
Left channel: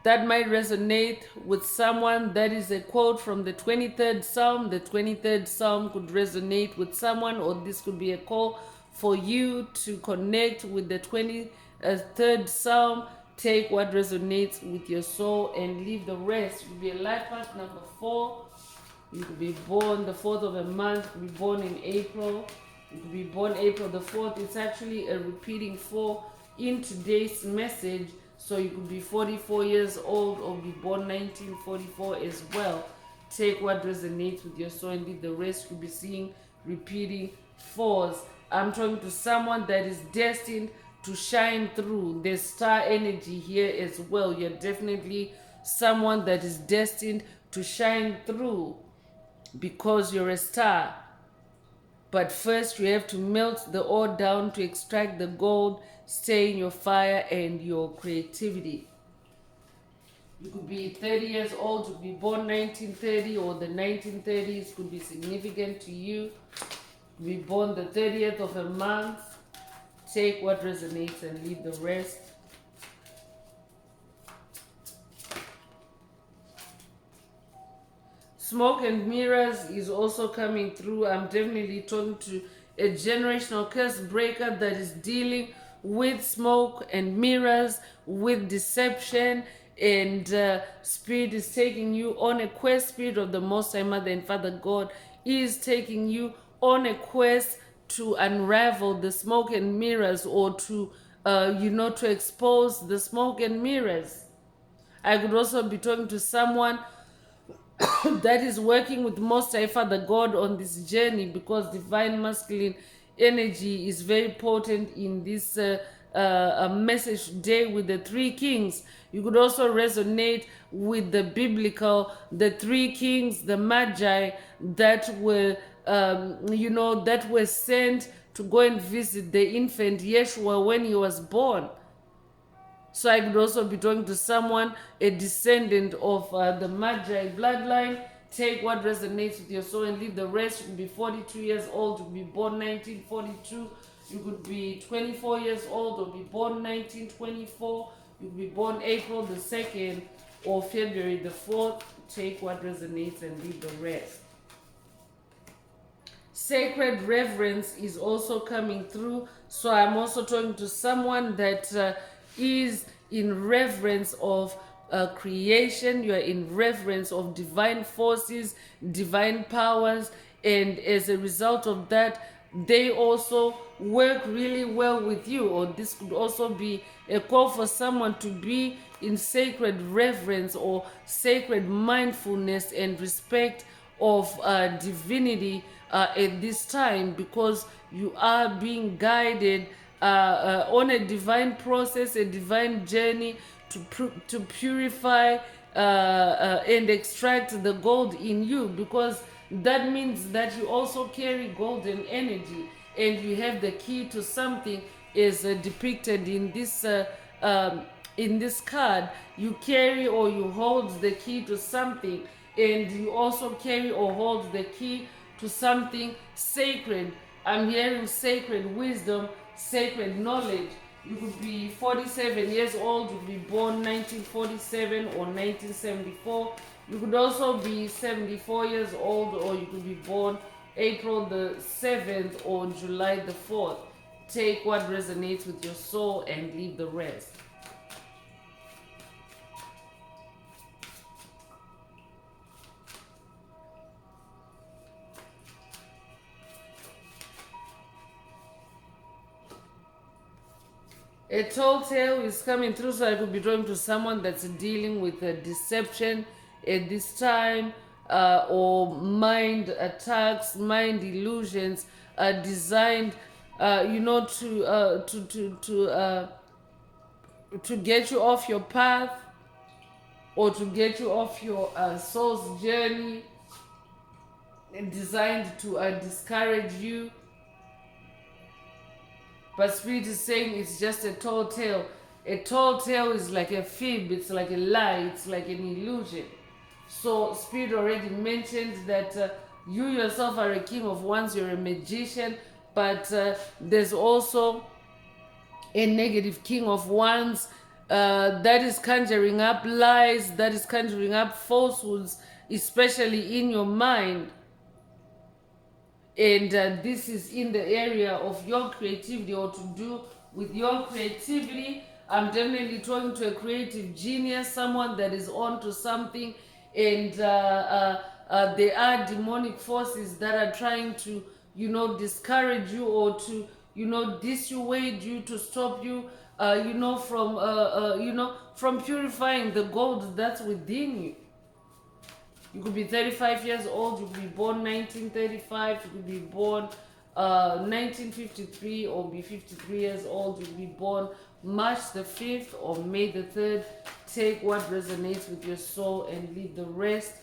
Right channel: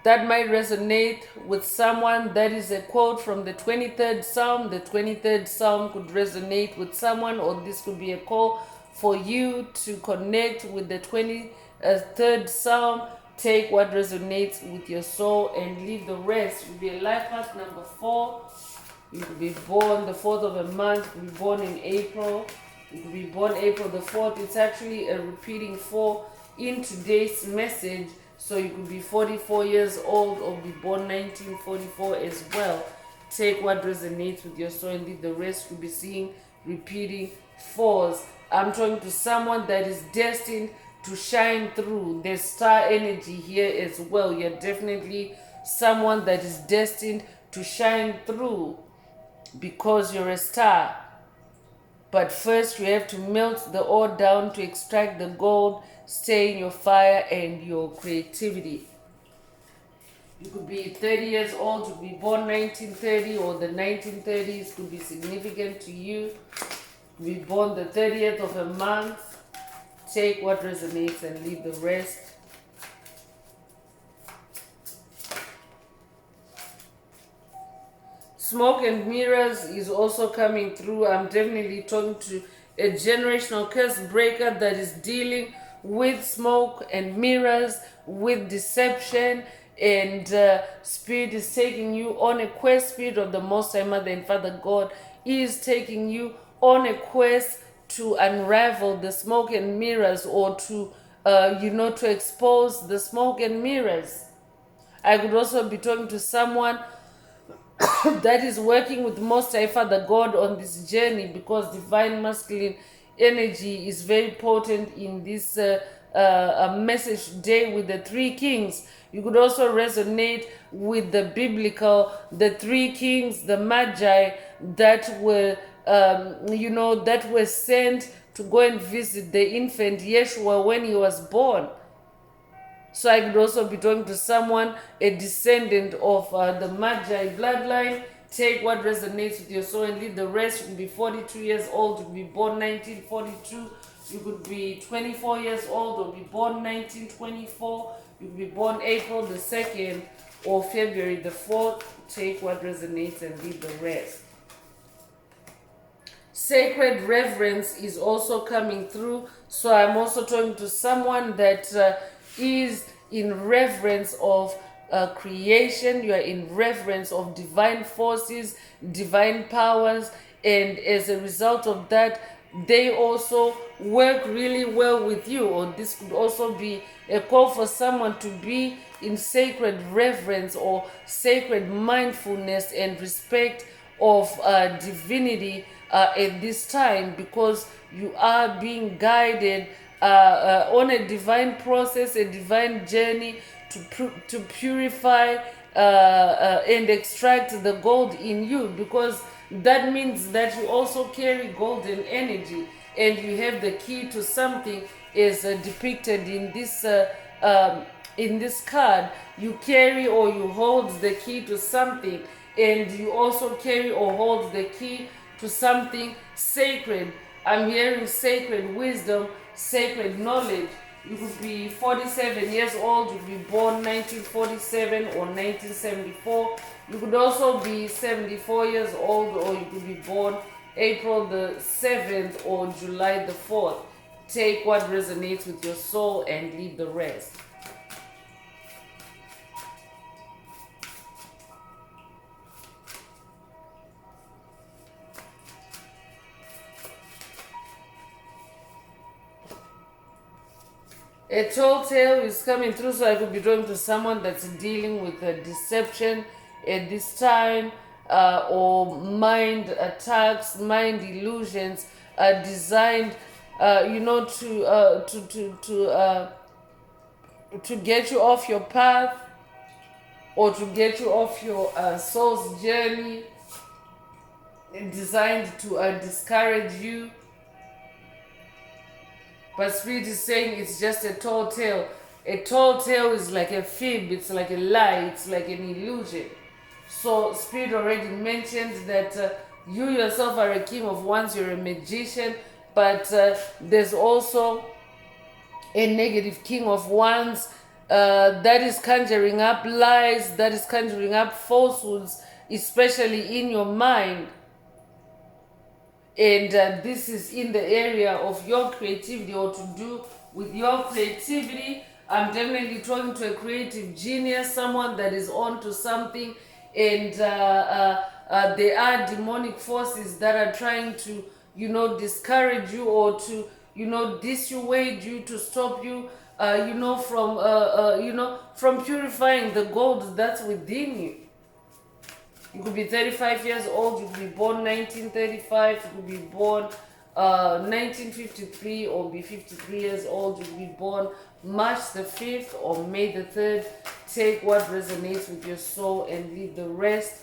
That might resonate with someone. That is a quote from the 23rd Psalm. The 23rd Psalm could resonate with someone, or this could be a call for you to connect with the 23rd Psalm. Take what resonates with your soul and leave the rest. It will be a life path number 4. You could be born the 4th of a month. You could be born in April. You could be born April the 4th. It's actually a repeating 4 in today's message. So you could be 44 years old or be born 1944 as well. Take what resonates with your soul and leave the rest. You'll be seeing repeating 4s. I'm talking to someone that is destined to shine through. There's star energy here as well. You're definitely someone that is destined to shine through because you're a star. But first you have to melt the ore down to extract the gold. Stay in your fire and your creativity. You could be 30 years old, you could be born 1930, or the 1930s could be significant to you. You could be born the 30th of a month. Take what resonates and leave the rest. Smoke and mirrors is also coming through. I'm definitely talking to a generational curse breaker that is dealing with smoke and mirrors, with deception, and Spirit is taking you on a quest. Spirit of the Most High Mother and Father God is taking you on a quest to unravel the smoke and mirrors, or to to expose the smoke and mirrors. I could also be talking to someone that is working with Most High Father God on this journey, because divine masculine energy is very potent in this message today with the 3 kings. You could also resonate with the biblical, the 3 kings, the magi that were that were sent to go and visit the infant Yeshua when he was born. So I could also be talking to someone, a descendant of the Magi bloodline. Take what resonates with your soul and leave the rest. You could be 42 years old, you could be born 1942. You could be 24 years old or be born 1924. You could be born April the 2nd or February the 4th. Take what resonates and leave the rest. Sacred reverence is also coming through. So I'm also talking to someone that is in reverence of creation. You are in reverence of divine forces, divine powers, and as a result of that, they also work really well with you. Or this could also be a call for someone to be in sacred reverence or sacred mindfulness and respect of divinity at this time, because you are being guided on a divine process, a divine journey to purify and extract the gold in you, because that means that you also carry golden energy and you have the key to something, is depicted in this in this card, you carry or you hold the key to something, and you also carry or hold the key to something sacred. I'm hearing sacred wisdom, sacred knowledge. You could be 47 years old, you could be born 1947 or 1974. You could also be 74 years old, or you could be born April the 7th or July the 4th. Take what resonates with your soul and leave the rest. A tall tale is coming through, so I could be drawn to someone that's dealing with a deception at this time, or mind attacks, mind illusions, designed, to get you off your path, or to get you off your soul's journey, designed to discourage you. But Spirit is saying it's just a tall tale. A tall tale is like a fib, it's like a lie, it's like an illusion. So Spirit already mentioned that you yourself are a king of wands, you're a magician, but there's also a negative king of wands that is conjuring up lies, that is conjuring up falsehoods, especially in your mind. And this is in the area of your creativity, or to do with your creativity. I'm definitely talking to a creative genius, someone that is on to something, and there are demonic forces that are trying to, discourage you, or to, dissuade you, to stop you, from purifying the gold that's within you. You could be 35 years old, you could be born 1935, you could be born 1953, or be 53 years old, you could be born March the 5th or May the 3rd. Take what resonates with your soul and leave the rest.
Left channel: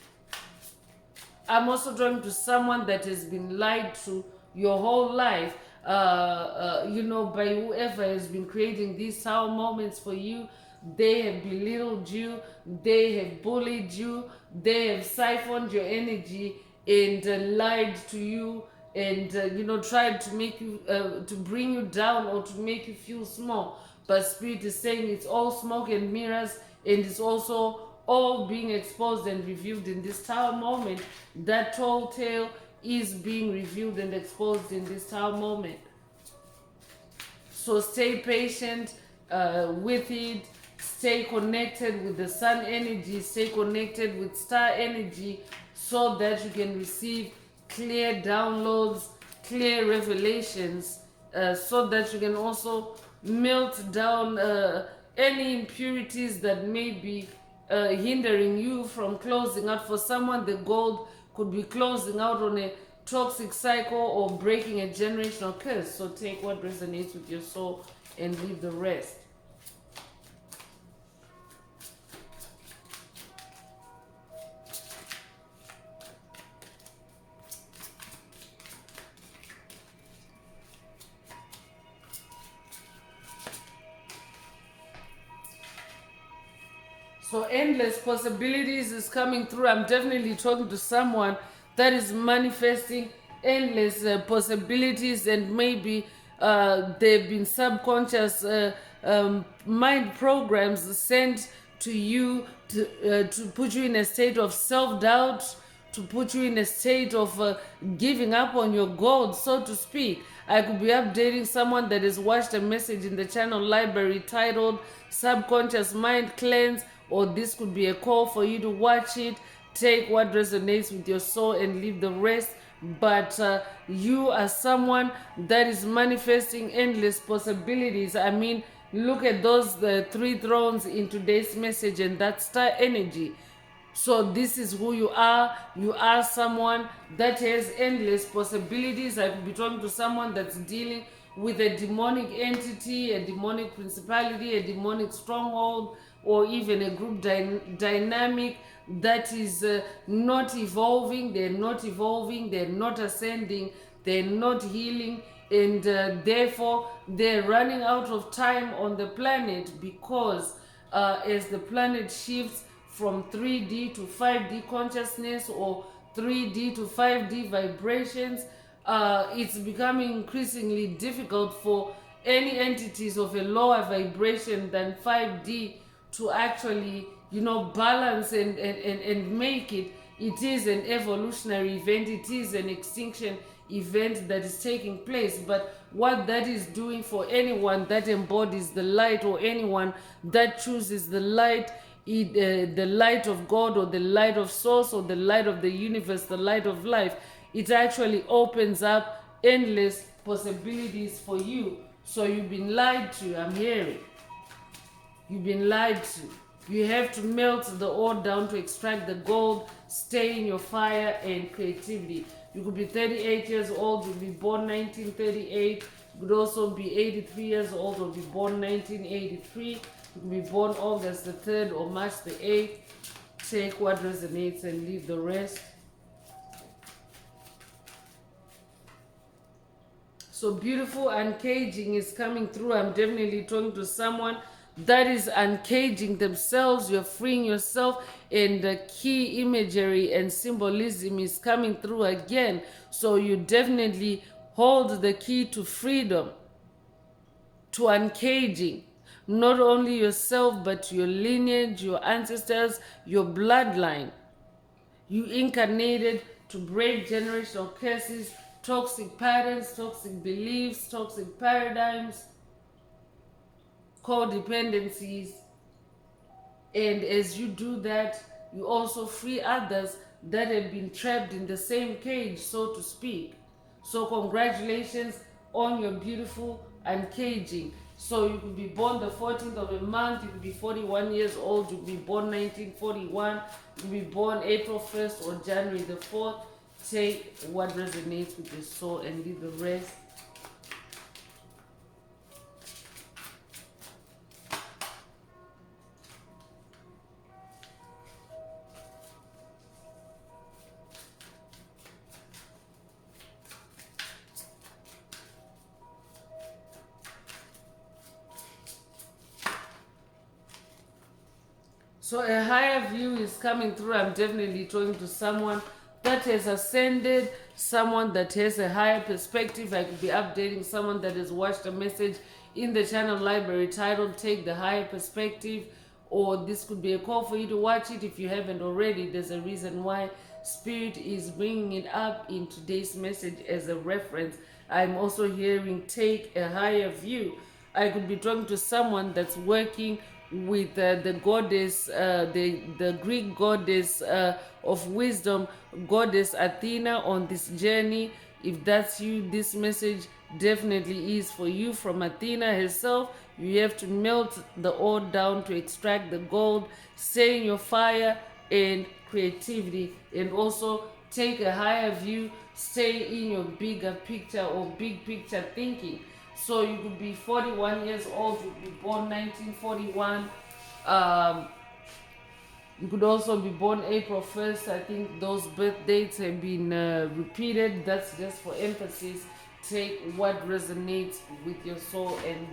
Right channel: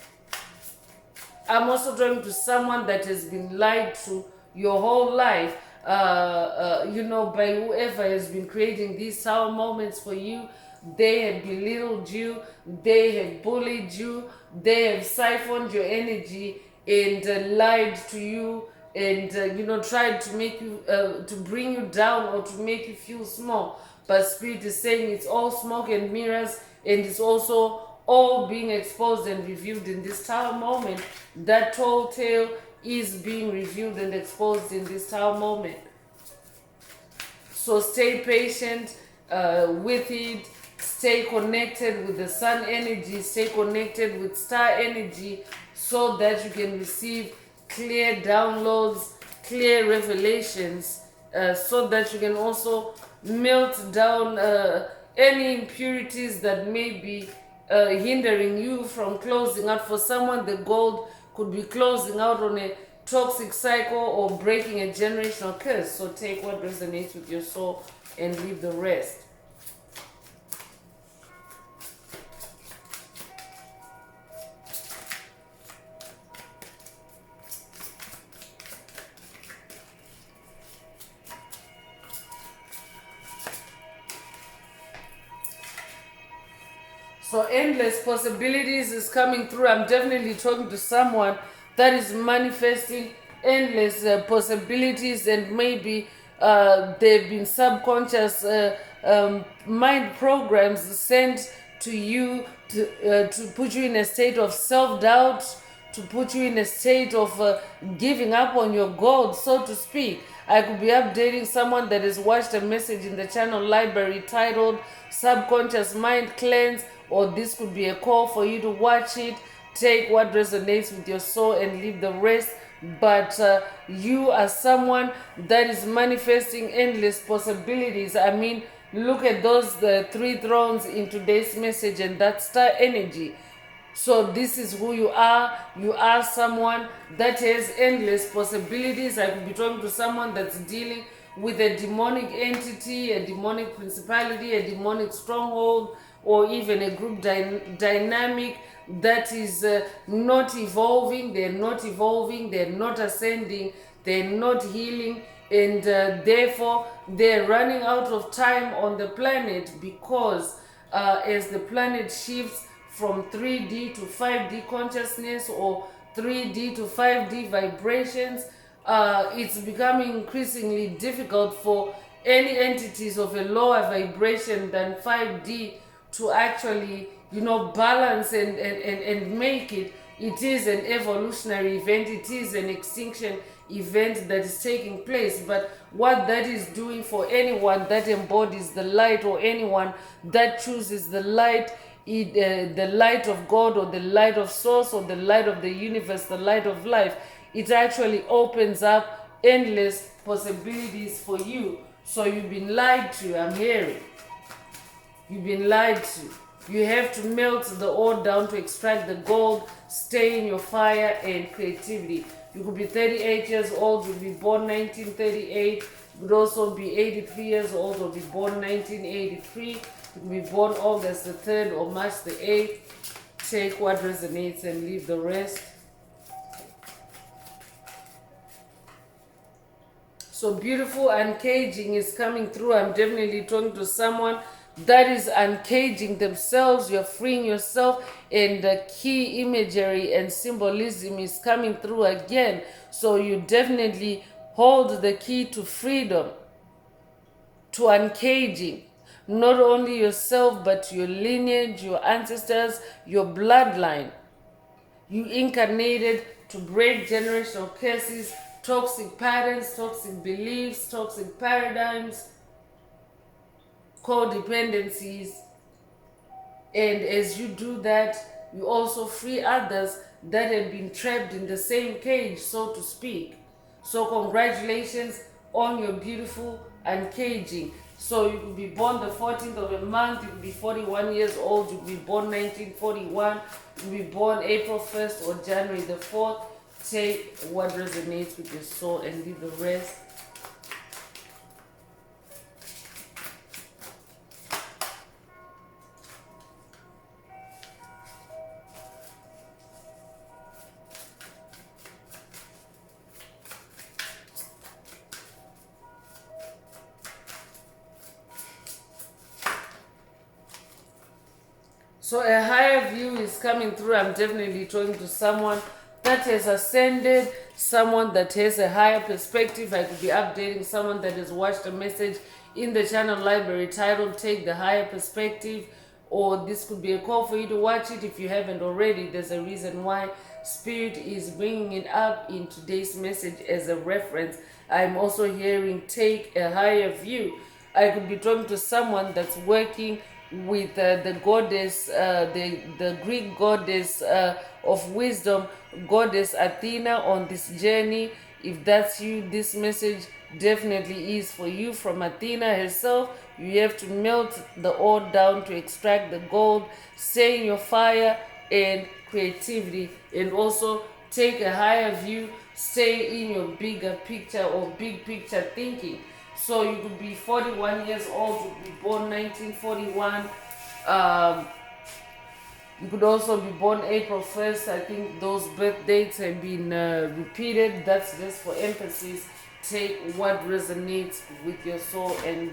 I'm also talking to someone that has been lied to your whole life, by whoever has been creating these sour moments for you. They have belittled you, they have bullied you, they have siphoned your energy and lied to you, and tried to make you to bring you down, or to make you feel small. But Spirit is saying it's all smoke and mirrors, and it's also all being exposed and revealed in this tower moment. That tall tale is being revealed and exposed in this tower moment. So stay patient with it. Stay connected with the sun energy, stay connected with star energy, so that you can receive clear downloads, clear revelations, so that you can also melt down any impurities that may be hindering you from closing out. For someone, the gold could be closing out on a toxic cycle or breaking a generational curse. So take what resonates with your soul and leave the rest. So endless possibilities is coming through. I'm definitely talking to someone that is manifesting endless possibilities, and maybe they've been subconscious mind programs sent to you to put you in a state of self-doubt, to put you in a state of giving up on your goals, so to speak. I could be updating someone that has watched a message in the channel library titled Subconscious Mind Cleanse, or this could be a call for you to watch it. Take what resonates with your soul and leave the rest. But you are someone that is manifesting endless possibilities. I mean, look at those the 3 thrones in today's message, and that's star energy. So this is who you are. You are someone that has endless possibilities. I could be talking to someone that's dealing with a demonic entity, a demonic principality, a demonic stronghold, or even a group dynamic that is not evolving. They're not evolving, they're not ascending, they're not healing, and therefore they're running out of time on the planet, because as the planet shifts from 3D to 5D consciousness, or 3D to 5D vibrations. It's becoming increasingly difficult for any entities of a lower vibration than 5D to actually, balance and make it. It is an evolutionary event, it is an extinction event that is taking place. But what that is doing for anyone that embodies the light, or anyone that chooses the light, the light of God, or the light of source, or the light of the universe, the light of life, it actually opens up endless possibilities for you. So you've been lied to, I'm hearing. You've been lied to. You have to melt the ore down to extract the gold, stay in your fire and creativity. You could be 38 years old, you'll be born 1938. You could also be 83 years old, or be born 1983. You could be born August the 3rd or March the 8th. Take what resonates and leave the rest. So beautiful uncaging is coming through. I'm definitely talking to someone that is uncaging themselves. You're freeing yourself, and the key imagery and symbolism is coming through again. So you definitely hold the key to freedom, to uncaging. Not only yourself, but your lineage, your ancestors, your bloodline. You incarnated to break generational curses, toxic patterns, toxic beliefs, toxic paradigms, codependencies. And as you do that, you also free others that have been trapped in the same cage, so to speak. So congratulations on your beautiful uncaging. So you could be born the 14th of a month, you could be 41 years old, you could be born 1941, you could be born April 1st or January the 4th. Take what resonates with your soul and leave the rest. So a higher view is coming through. I'm definitely talking to someone that has ascended, someone that has a higher perspective. I could be updating someone that has watched a message in the channel library titled Take the Higher Perspective, or this could be a call for you to watch it if you haven't already. There's a reason why Spirit is bringing it up in today's message as a reference. I'm also hearing Take a Higher View. I could be talking to someone that's working with the goddess, the Greek goddess of wisdom, goddess Athena, on this journey. If that's you, this message definitely is for you. From Athena herself, you have to melt the ore down to extract the gold, stay in your fire and creativity, and also take a higher view, stay in your bigger picture or big picture thinking. So you could be 41 years old, you could be born 1941. You could also be born April 1st. I think those birth dates have been repeated. That's just for emphasis. Take what resonates with your soul and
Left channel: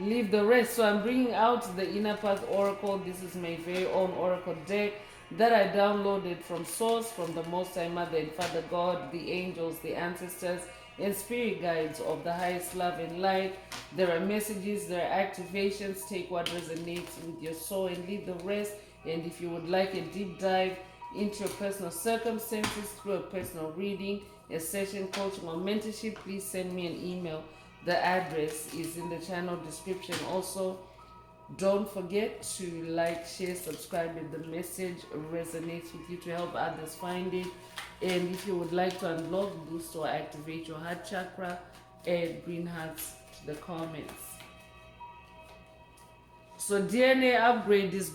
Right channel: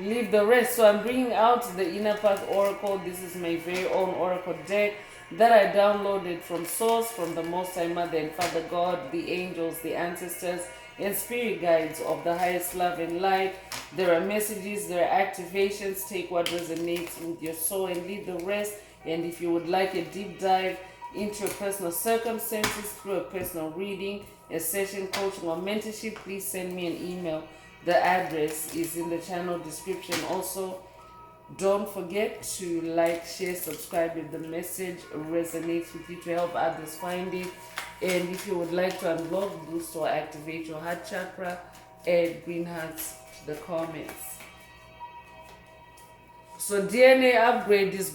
leave the rest. So I'm bringing out the Inner Path Oracle. This is my very own Oracle deck that I downloaded from Source, from the Most High Mother and Father God, the angels, the ancestors, and spirit guides of the highest love and light. There are messages, there are activations. Take what resonates with your soul and leave the rest. And if you would like a deep dive into your personal circumstances through a personal reading, a session, coaching, or mentorship, please send me an email. The address is in the channel description. Also, don't forget to like, share, subscribe if the message resonates with you, to help others find it. And if you would like to unblock, boost, or activate your heart chakra, add green hearts to the comments. So DNA upgrade is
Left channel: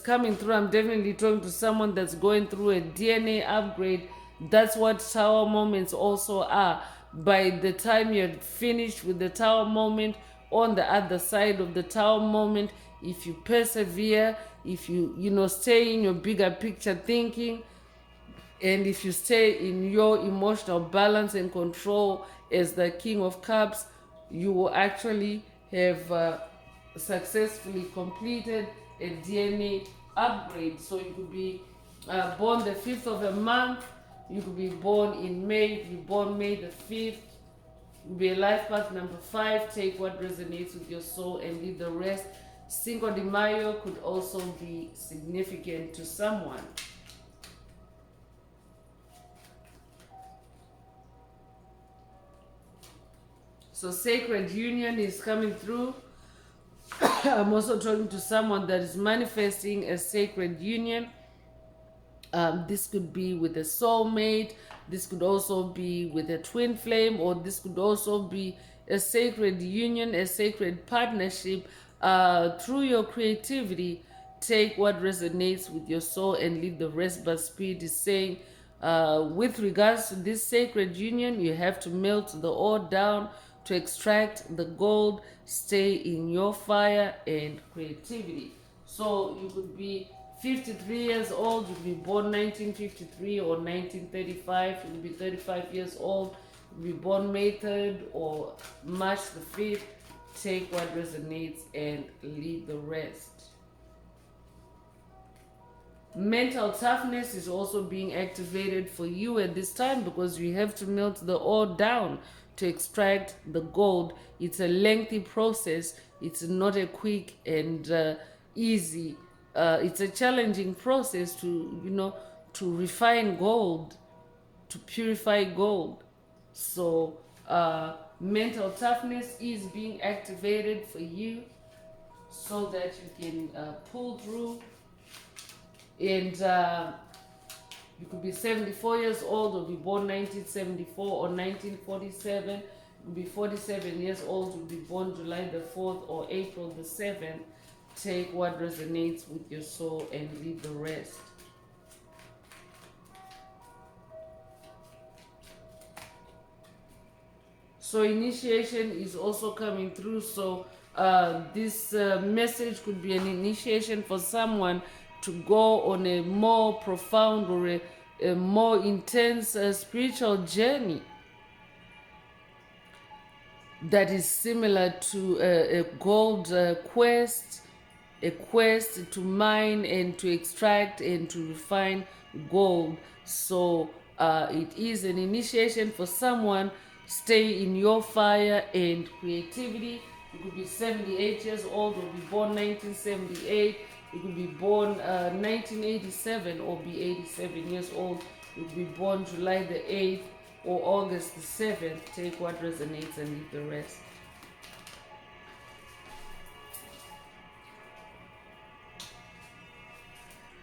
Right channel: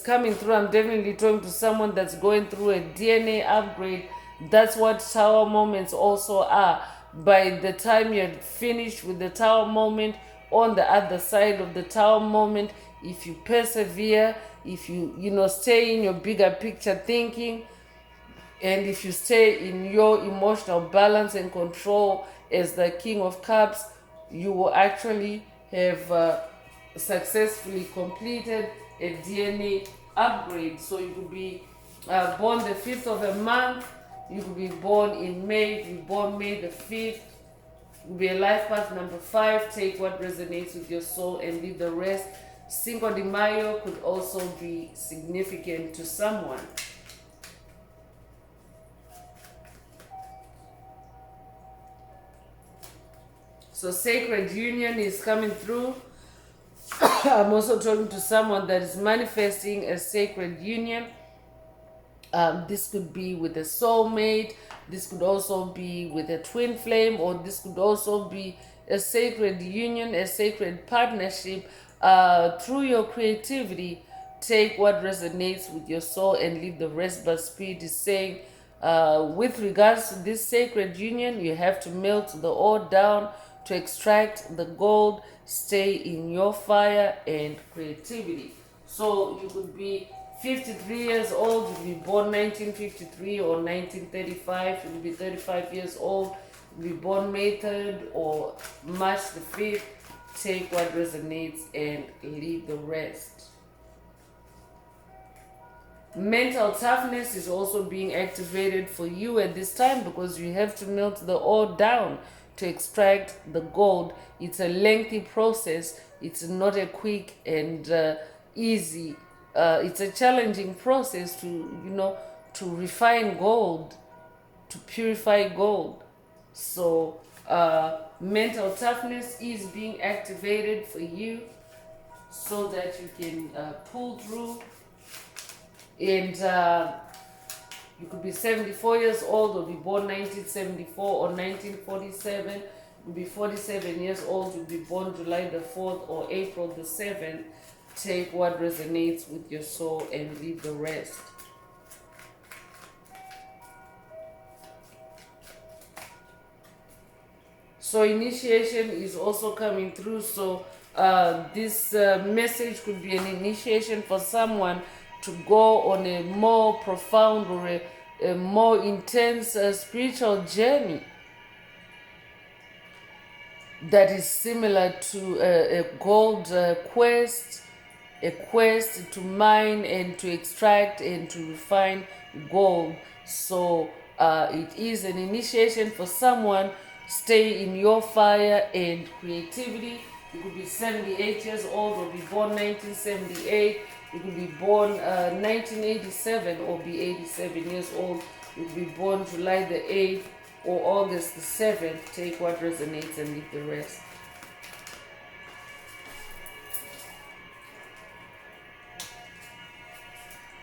coming through. I'm definitely talking to someone that's going through a DNA upgrade. That's what tower moments also are. By the time you're finished with the tower moment, on the other side of the tower moment, if you persevere, if you stay in your bigger picture thinking, and if you stay in your emotional balance and control as the King of Cups, you will actually have successfully completed a DNA upgrade. So you could be born the 5th of a month, you could be born in May, you could be born May the 5th, you could be a life path number 5, take what resonates with your soul and leave the rest. Cinco de Mayo could also be significant to someone. So sacred union is coming through. I'm also talking to someone that is manifesting a sacred union. This could be with a soulmate. This could also be with a twin flame, or this could also be a sacred union, a sacred partnership. Through your creativity, take what resonates with your soul and leave the rest. But Spirit is saying, with regards to this sacred union, you have to melt the ore down to extract the gold. Stay in your fire and creativity. So you could be 53 years old, you could be born 1953 or 1935, you could be 35 years old, you could be born May 3rd or March the 5th. Take what resonates and leave the rest. Mental toughness is also being activated for you at this time, because you have to melt the ore down to extract the gold. It's a lengthy process. It's not a quick and easy. It's a challenging process to refine gold, to purify gold. So mental toughness is being activated for you so that you can pull through. And you could be 74 years old, or be born 1974 or 1947. You could be 47 years old, you could be born July the 4th or April the 7th. Take what resonates with your soul and leave the rest. So initiation is also coming through. So this message could be an initiation for someone to go on a more profound or a more intense spiritual journey that is similar to a gold quest, a quest to mine and to extract and to refine gold. So it is an initiation for someone. Stay in your fire and creativity. You could be 78 years old or be born 1978. You could be born 1987 or be 87 years old. You could be born July the 8th or August the 7th. Take what resonates and leave the rest.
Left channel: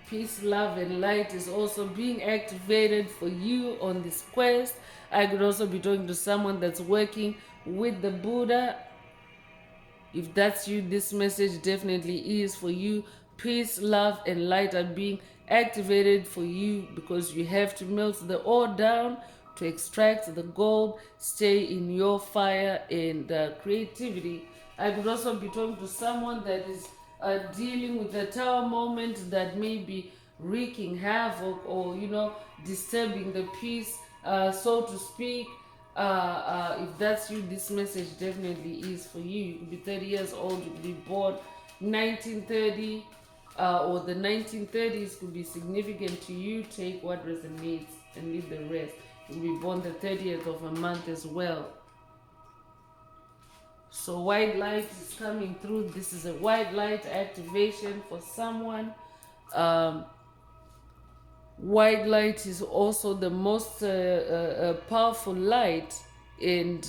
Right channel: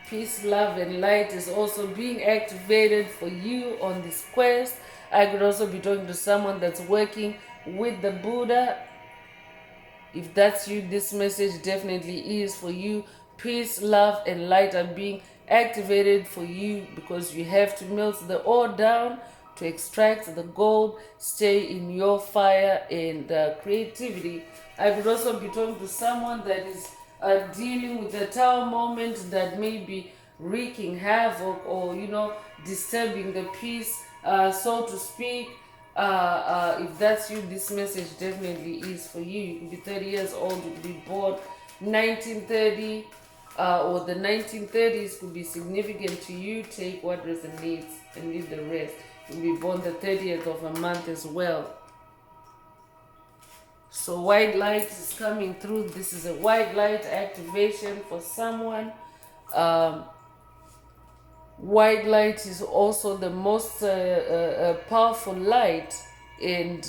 Peace, love, and light is also being activated for you on this quest. I could also be talking to someone that's working with the Buddha. If that's you, this message definitely is for you. Peace, love, and light are being activated for you, because you have to melt the ore down to extract the gold. Stay in your fire and creativity. I could also be talking to someone that is dealing with a tower moment that may be wreaking havoc or disturbing the peace, so to speak. If that's you, this message definitely is for you. You could be 30 years old, you could be born 1930, or the 1930s could be significant to you. Take what resonates and leave the rest. You could be born the 30th of a month as well. So white light is coming through. This is a white light activation for someone. White light is also the most powerful light, and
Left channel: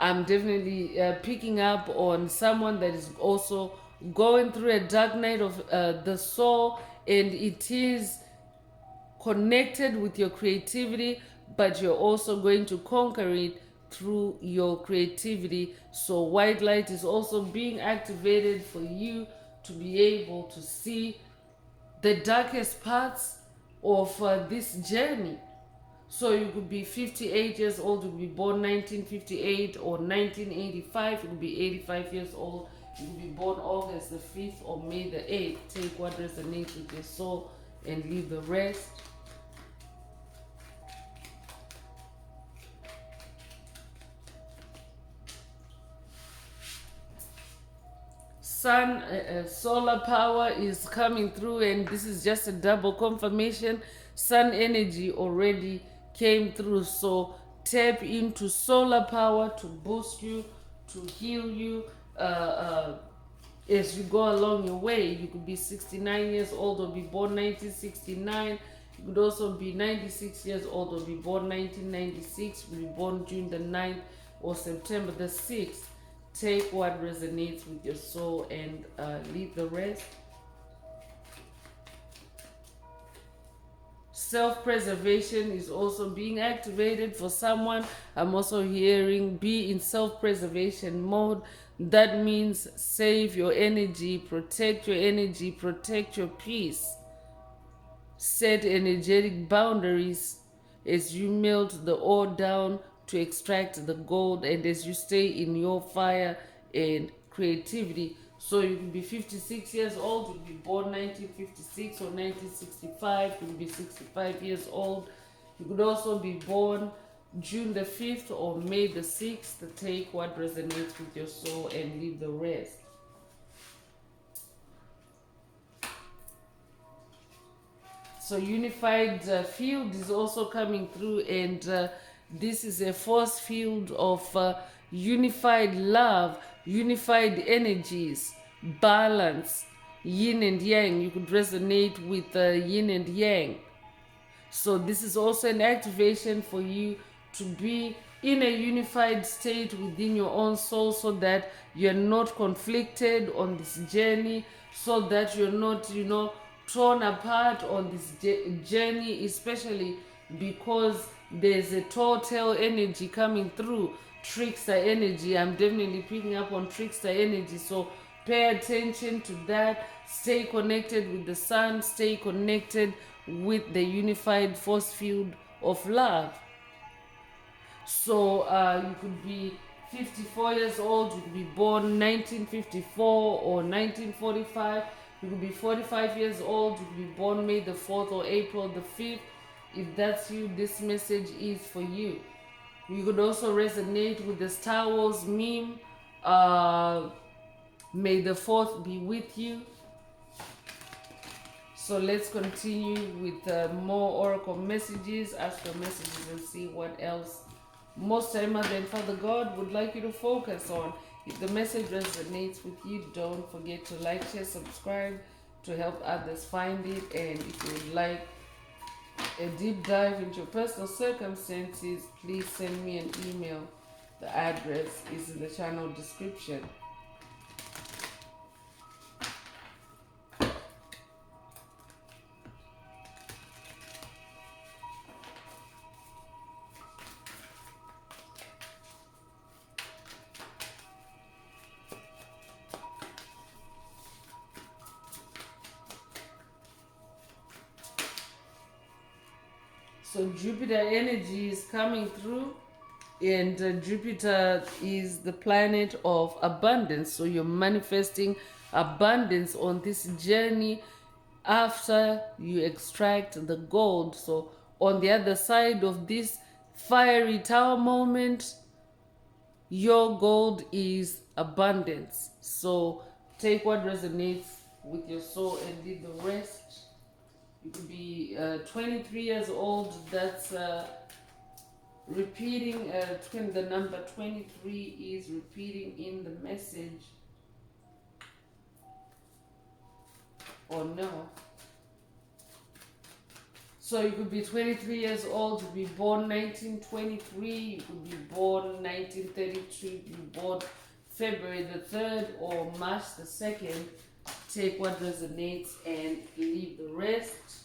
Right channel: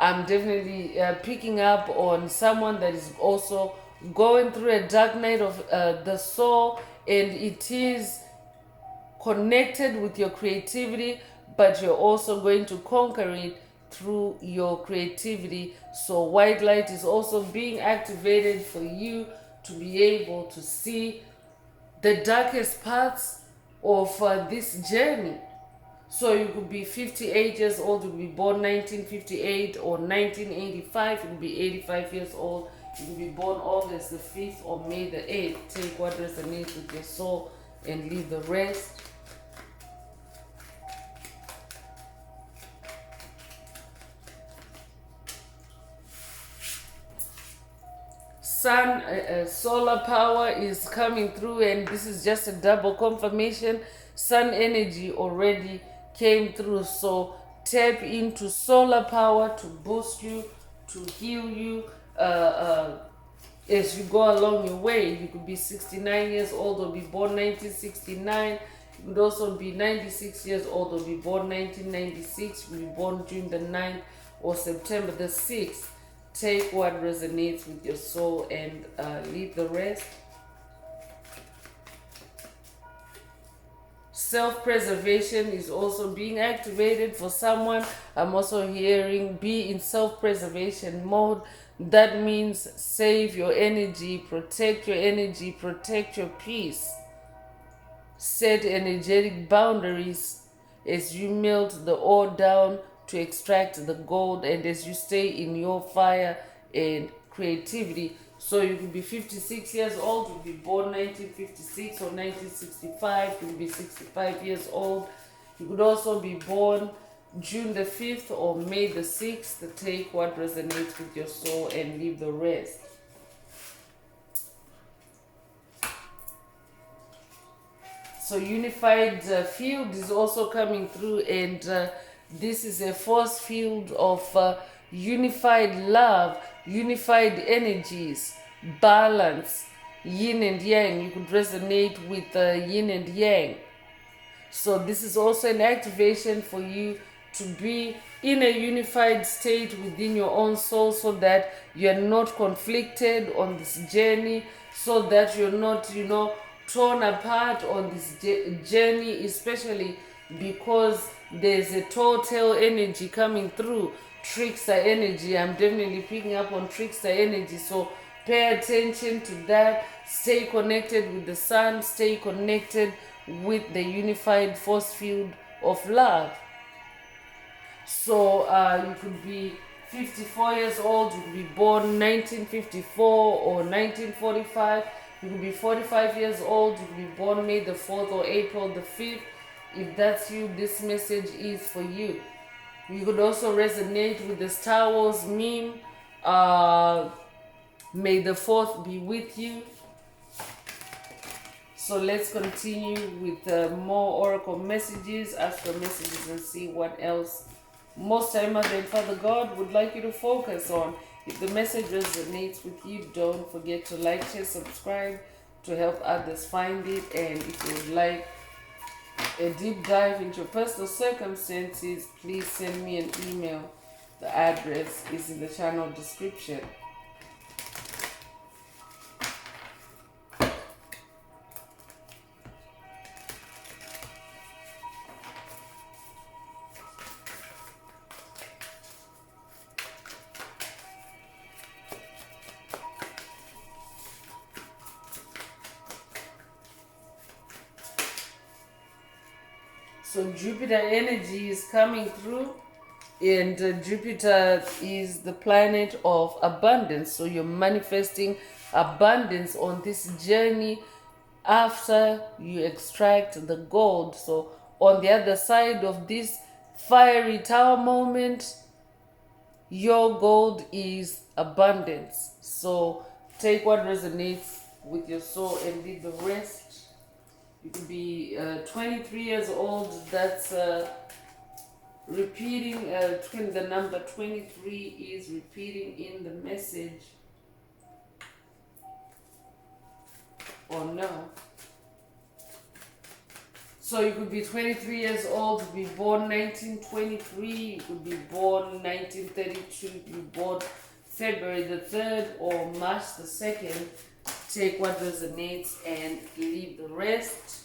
I'm definitely picking up on someone that is also going through a dark night of the soul, and it is connected with your creativity, but you're also going to conquer it through your creativity. So white light is also being activated for you to be able to see the darkest parts of this journey. So you could be 58 years old, you could be born 1958 or 1985, you could be 85 years old, you could be born August the 5th or May the 8th. Take what resonates with your soul and leave the rest. solar power is coming through, and this is just a double confirmation. Sun energy already came through, so tap into solar power to boost you, to heal you, as you go along your way. You could be 69 years old or be born 1969. You could also be 96 years old or be born 1996. Be born June the 9th or September the 6th. Take what resonates with your soul and leave the rest. Self-preservation is also being activated for someone. I'm also hearing be in self-preservation mode. That means save your energy, protect your energy, protect your peace. Set energetic boundaries as you melt the ore down to extract the gold, and as you stay in your fire and creativity. So you could be 56 years old, you could be born 1956 or 1965, you could be 65 years old. You could also be born June the 5th or May the 6th. Take what resonates with your soul and leave the rest. So unified field is also coming through, and this is a force field of unified love, unified energies, balance, yin and yang. You could resonate with yin and yang. So this is also an activation for you to be in a unified state within your own soul, so that you're not conflicted on this journey, so that you're not, torn apart on this journey, especially because there's a total energy coming through, trickster energy. I'm definitely picking up on trickster energy, so pay attention to that. Stay connected with the sun, stay connected with the unified force field of love. So you could be 54 years old, you could be born 1954 or 1945. You could be 45 years old, you could be born May the 4th or April the 5th. If that's you, this message is for you. You could also resonate with the Star Wars meme, May the 4th be with you. So let's continue with more oracle messages, astral messages, and see what else Most High Mother and Father God would like you to focus on. If the message resonates with you, don't forget to like, share, subscribe to help others find it. And if you would like a deep dive into your personal circumstances, please send me an email. The address is in the channel description. So Jupiter energy is coming through, and Jupiter is the planet of abundance. So you're manifesting abundance on this journey after you extract the gold. So on the other side of this fiery tower moment, your gold is abundance. So take what resonates with your soul and leave the rest. You could be 23 years old. That's repeating. The number 23 is repeating in the message. Or no. So you could be 23 years old. You could be born 1923. You could be born 1932. You could be born February the 3rd or March the 2nd. Take what resonates and leave the rest.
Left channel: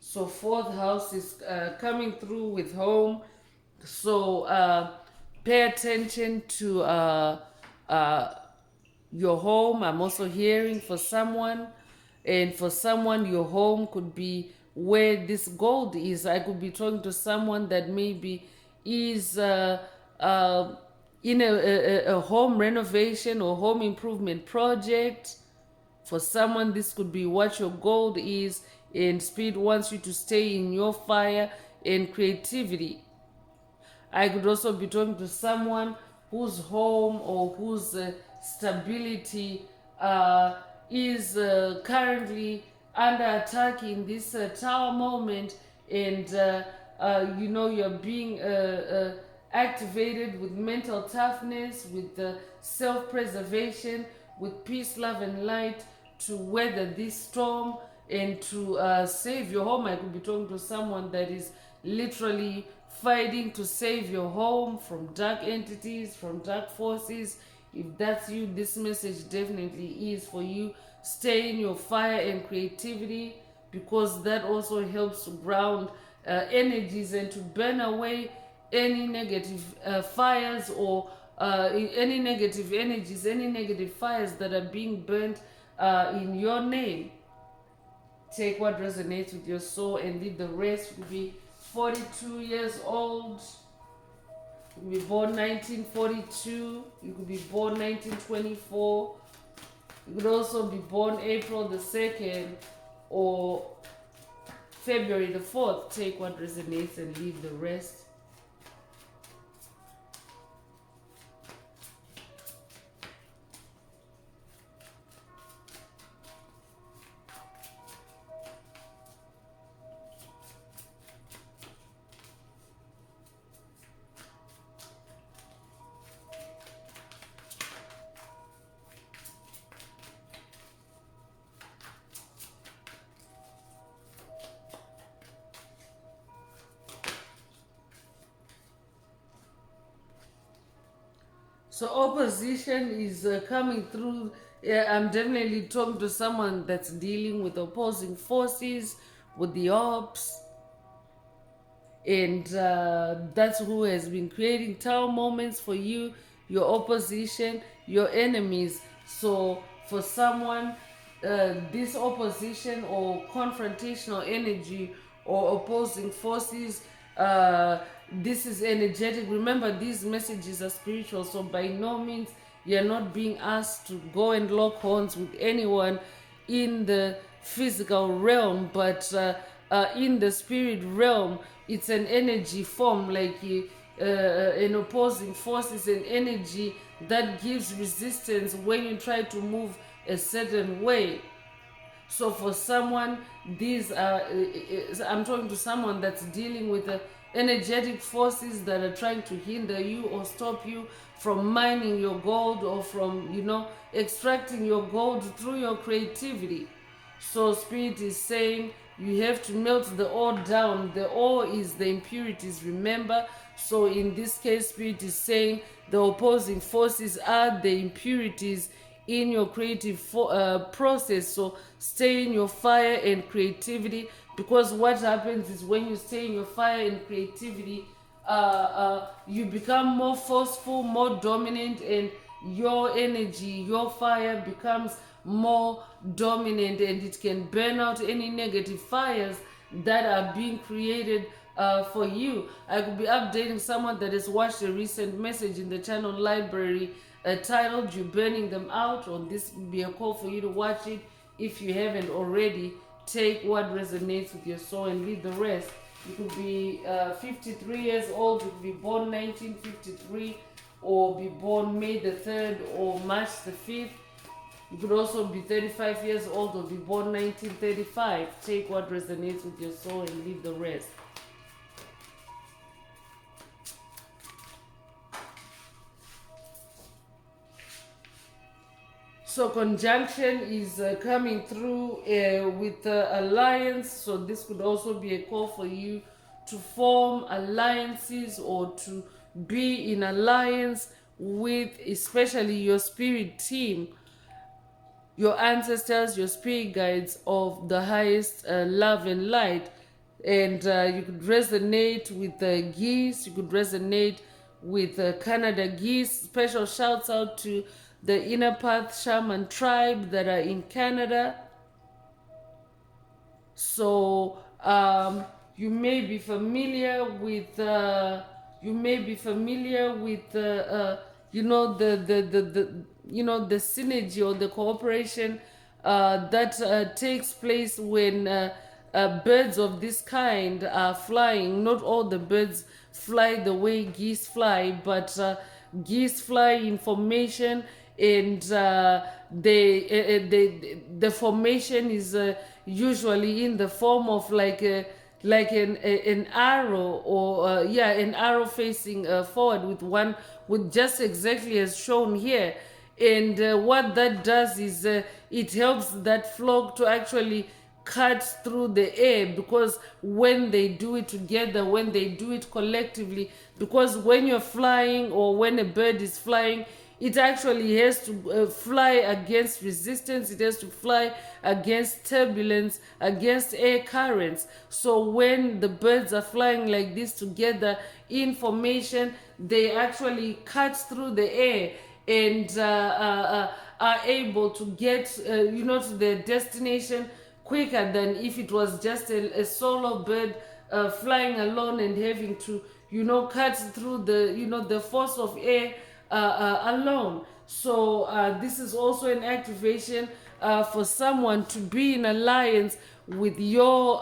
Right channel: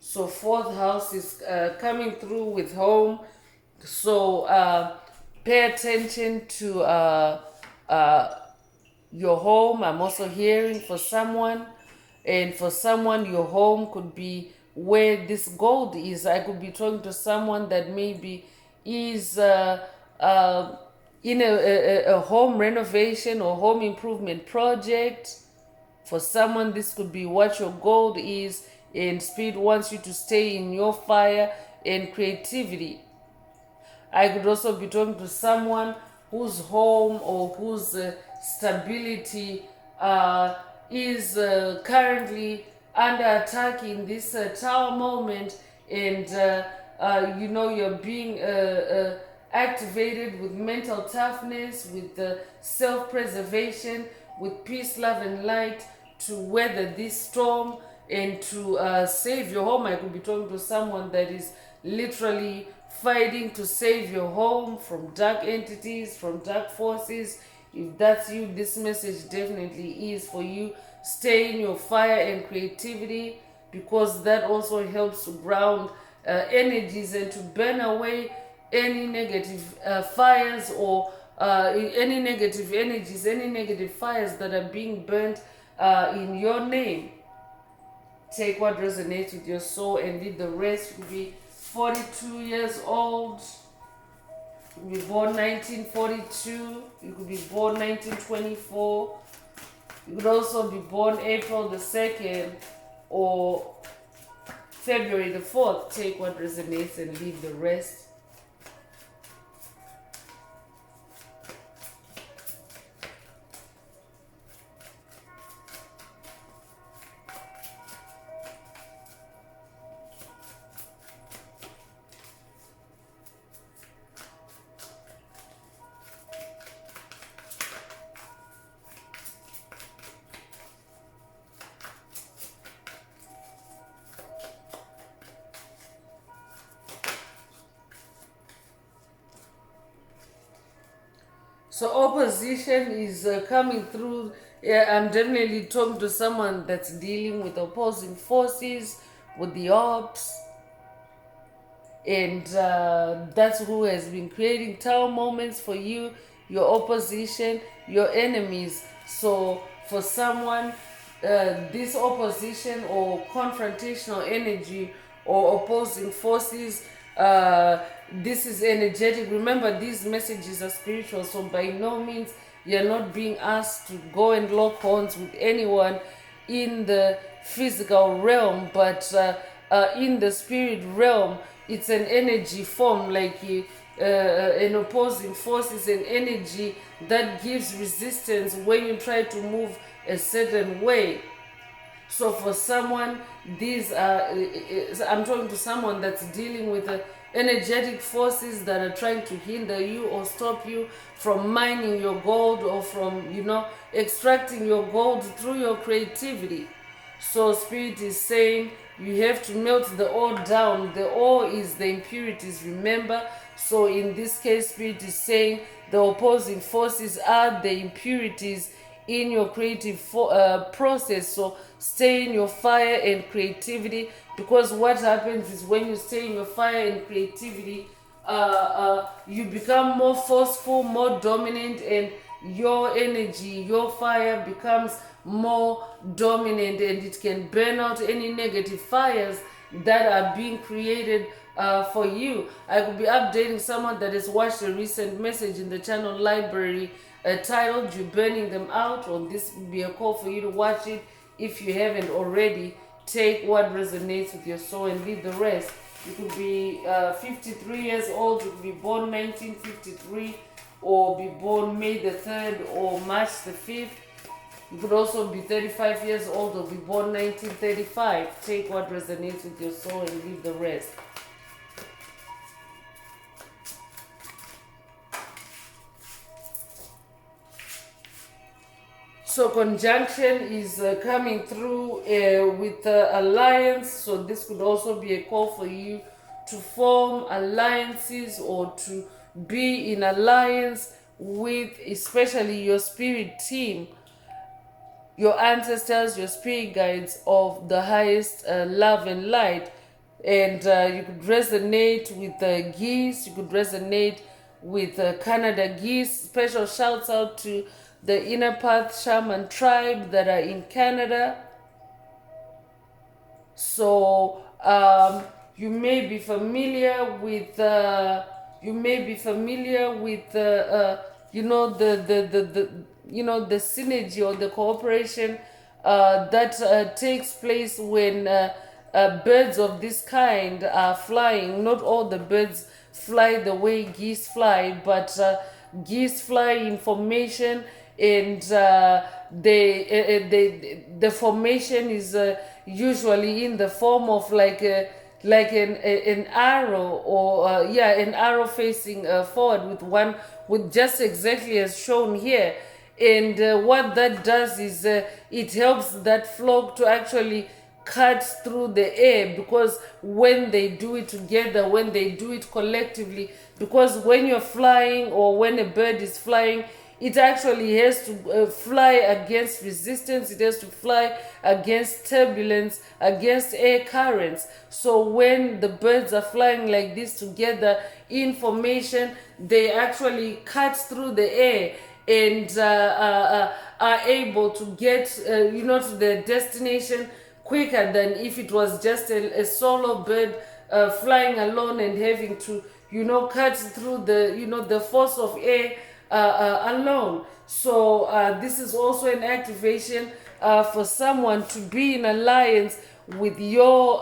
So fourth house is coming through with home. So pay attention to your home. I'm also hearing for someone. And for someone, your home could be where this gold is. I could be talking to someone that maybe is in a home renovation or home improvement project. For someone, this could be what your gold is, and Spirit wants you to stay in your fire and creativity. I could also be talking to someone whose home or whose stability is currently under attack in this tower moment, and you're being activated with mental toughness, with self-preservation, with peace, love, and light to weather this storm and to save your home. I could be talking to someone that is literally fighting to save your home from dark entities, from dark forces. If that's you, this message definitely is for you. Stay in your fire and creativity, because that also helps to ground energies and to burn away any negative fires or any negative energies, any negative fires that are being burnt in your name. Take what resonates with your soul and leave the rest. You could be 42 years old. You could be born 1942. You could be born 1924. You could also be born April the 2nd or February the 4th. Take what resonates and leave the rest. So opposition is coming through. I'm definitely talking to someone that's dealing with opposing forces, with the ops, and that's who has been creating tower moments for you, your opposition, your enemies. So for someone, this opposition or confrontational energy or opposing forces, this is energetic. Remember, these messages are spiritual, so by no means you're not being asked to go and lock horns with anyone in the physical realm, but in the spirit realm, it's an energy form. Like an opposing force is an energy that gives resistance when you try to move a certain way. So for someone, these are I'm talking to someone that's dealing with energetic forces that are trying to hinder you or stop you from mining your gold or from extracting your gold through your creativity. So spirit is saying you have to melt the ore down. The ore is the impurities, remember. So in this case, spirit is saying the opposing forces are the impurities in your creative process. So stay in your fire and creativity, because what happens is when you stay in your fire and creativity, you become more forceful, more dominant, and your energy, your fire becomes more dominant, and it can burn out any negative fires that are being created for you. I could be updating someone that has watched a recent message in the channel library titled "You Burning Them Out," or this would be a call for you to watch it if you haven't already. Take what resonates with your soul and leave the rest. You could be 53 years old. You could be born 1953, or be born May the 3rd or March the 5th. You could also be 35 years old or be born 1935. Take what resonates with your soul and leave the rest. So conjunction is coming through with alliance. So this could also be a call for you to form alliances or to be in alliance with especially your spirit team, your ancestors, your spirit guides of the highest love and light. And you could resonate with geese, you could resonate with Canada geese. Special shouts out to the Inner Path Shaman tribe that are in Canada. So you may be familiar with the synergy or the cooperation that takes place when birds of this kind are flying. Not all the birds fly the way geese fly, but geese fly in formation, and the formation is usually in the form of like an arrow, or an arrow facing forward with one, with just exactly as shown here. And what that does is it helps that flock to actually cut through the air, because when they do it together, when they do it collectively, because when you're flying, or when a bird is flying, it actually has to fly against resistance, it has to fly against turbulence, against air currents. So when the birds are flying like this together in formation, they actually cut through the air, and are able to get to the destination quicker than if it was just a solo bird flying alone and having to cut through the force of air alone. So this is also an activation for someone to be in alliance with your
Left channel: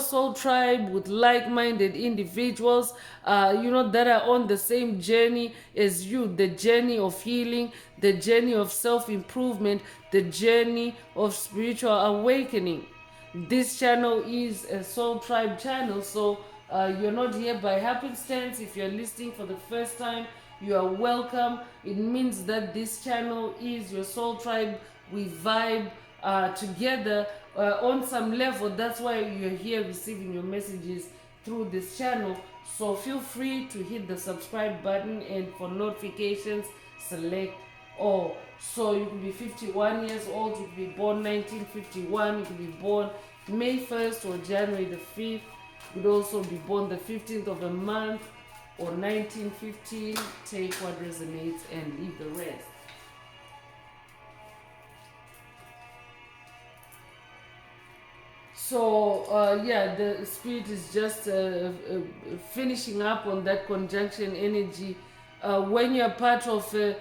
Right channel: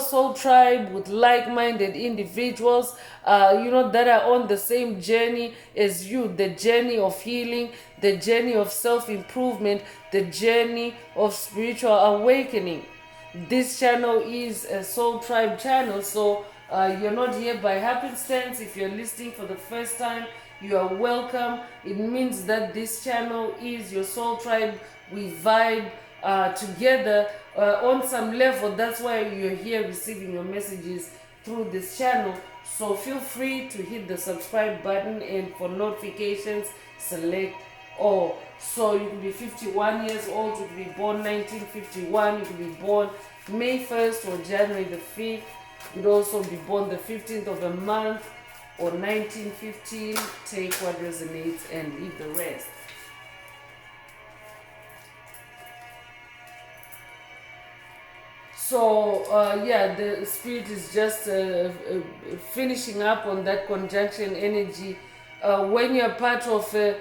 soul tribe, with like-minded individuals that are on the same journey as you, the journey of healing, the journey of self-improvement, the journey of spiritual awakening. This channel is a soul tribe channel, so you're not here by happenstance. If you're listening for the first time, you are welcome. It means that this channel is your soul tribe. We vibe together on some level. That's why you're here receiving your messages through this channel. So feel free to hit the subscribe button, and for notifications, select all. So you could be 51 years old, you could be born 1951, you could be born May 1st or January the 5th. You could also be born the 15th of a month or 1915. Take what resonates and leave the rest. So the spirit is just finishing up on that conjunction energy. When you're part of a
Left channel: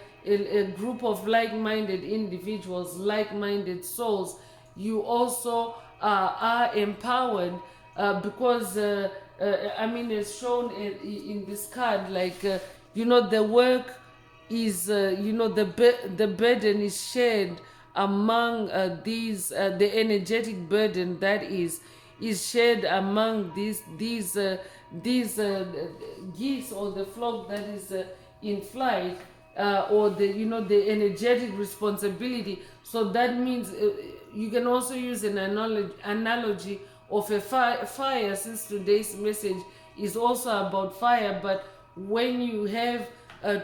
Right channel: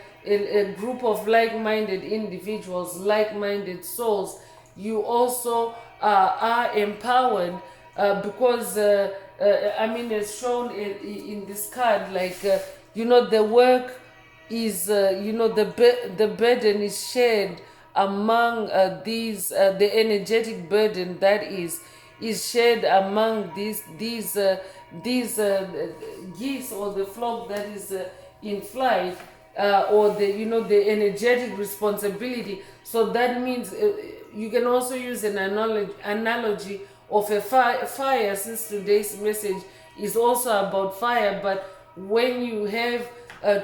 group of like-minded individuals, like-minded souls, you also are empowered because as shown in this card, like the work is the burden is shared among the energetic burden that is shared among these geese, or the flock that is in flight, or the energetic responsibility. So that means you can also use an analogy of a fire, since today's message is also about fire. But when you have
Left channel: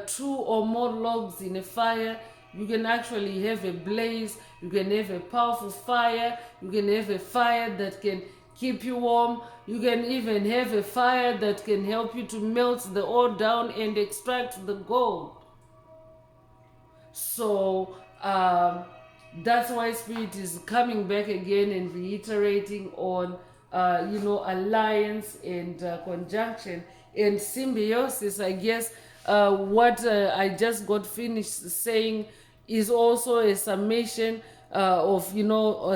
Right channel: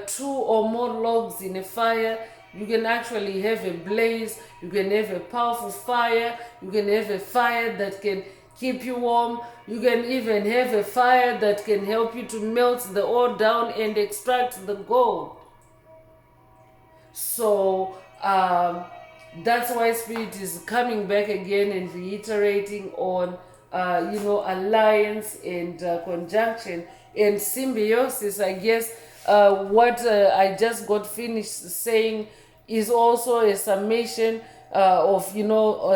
2 or more logs in a fire, you can actually have a blaze, you can have a powerful fire, you can have a fire that can keep you warm, you can even have a fire that can help you to melt the ore down and extract the gold. So that's why Spirit is coming back again and reiterating on alliance and conjunction and symbiosis. I guess what I just got finished saying is also a summation of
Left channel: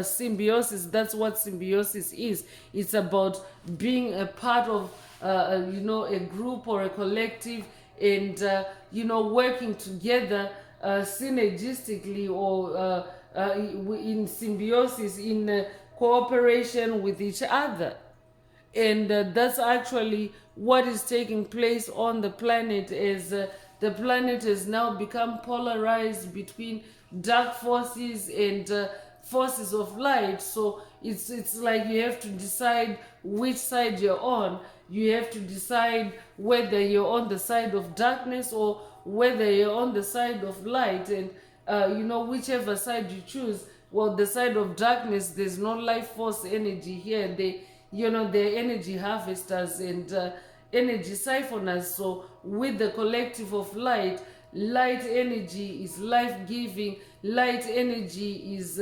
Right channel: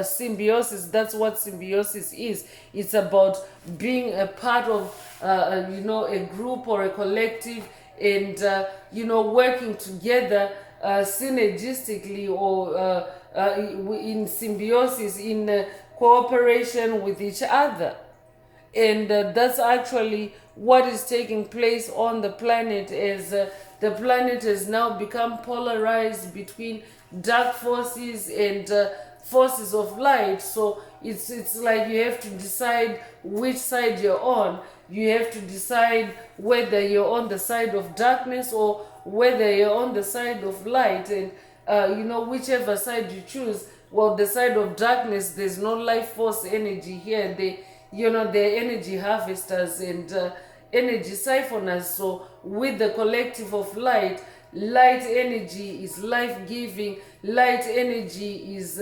symbiosis. That's what symbiosis is. It's about being a part of a group or a collective, and working together synergistically, or in symbiosis, in cooperation with each other. And that's actually what is taking place on the planet, as the planet has now become polarized between dark forces and forces of light. So it's like you have to decide which side you're on. You have to decide whether you're on the side of darkness or whether you're on the side of light. And whichever side you choose, well, the side of darkness, there's no life force energy here. They're energy harvesters and energy siphoners. So with the collective of light energy is life-giving. Light energy is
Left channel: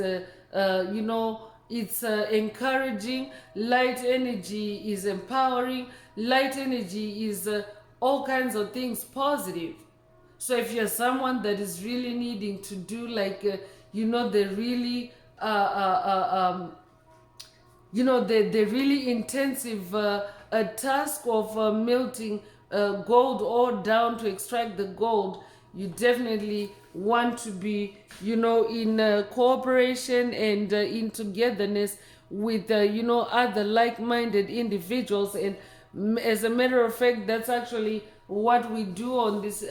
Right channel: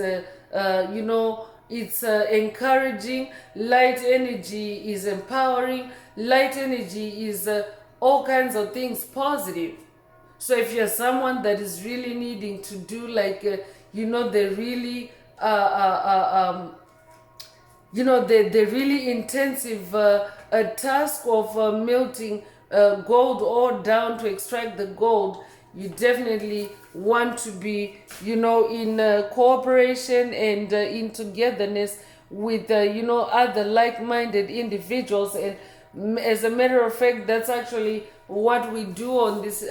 it's encouraging. Light energy is empowering. Light energy is all kinds of things positive. So if you're someone that is really needing to do like the really the really intensive a task of melting gold ore down to extract the gold, you definitely want to be, in cooperation and in togetherness with, other like-minded individuals. And as a matter of fact, that's actually what we do on this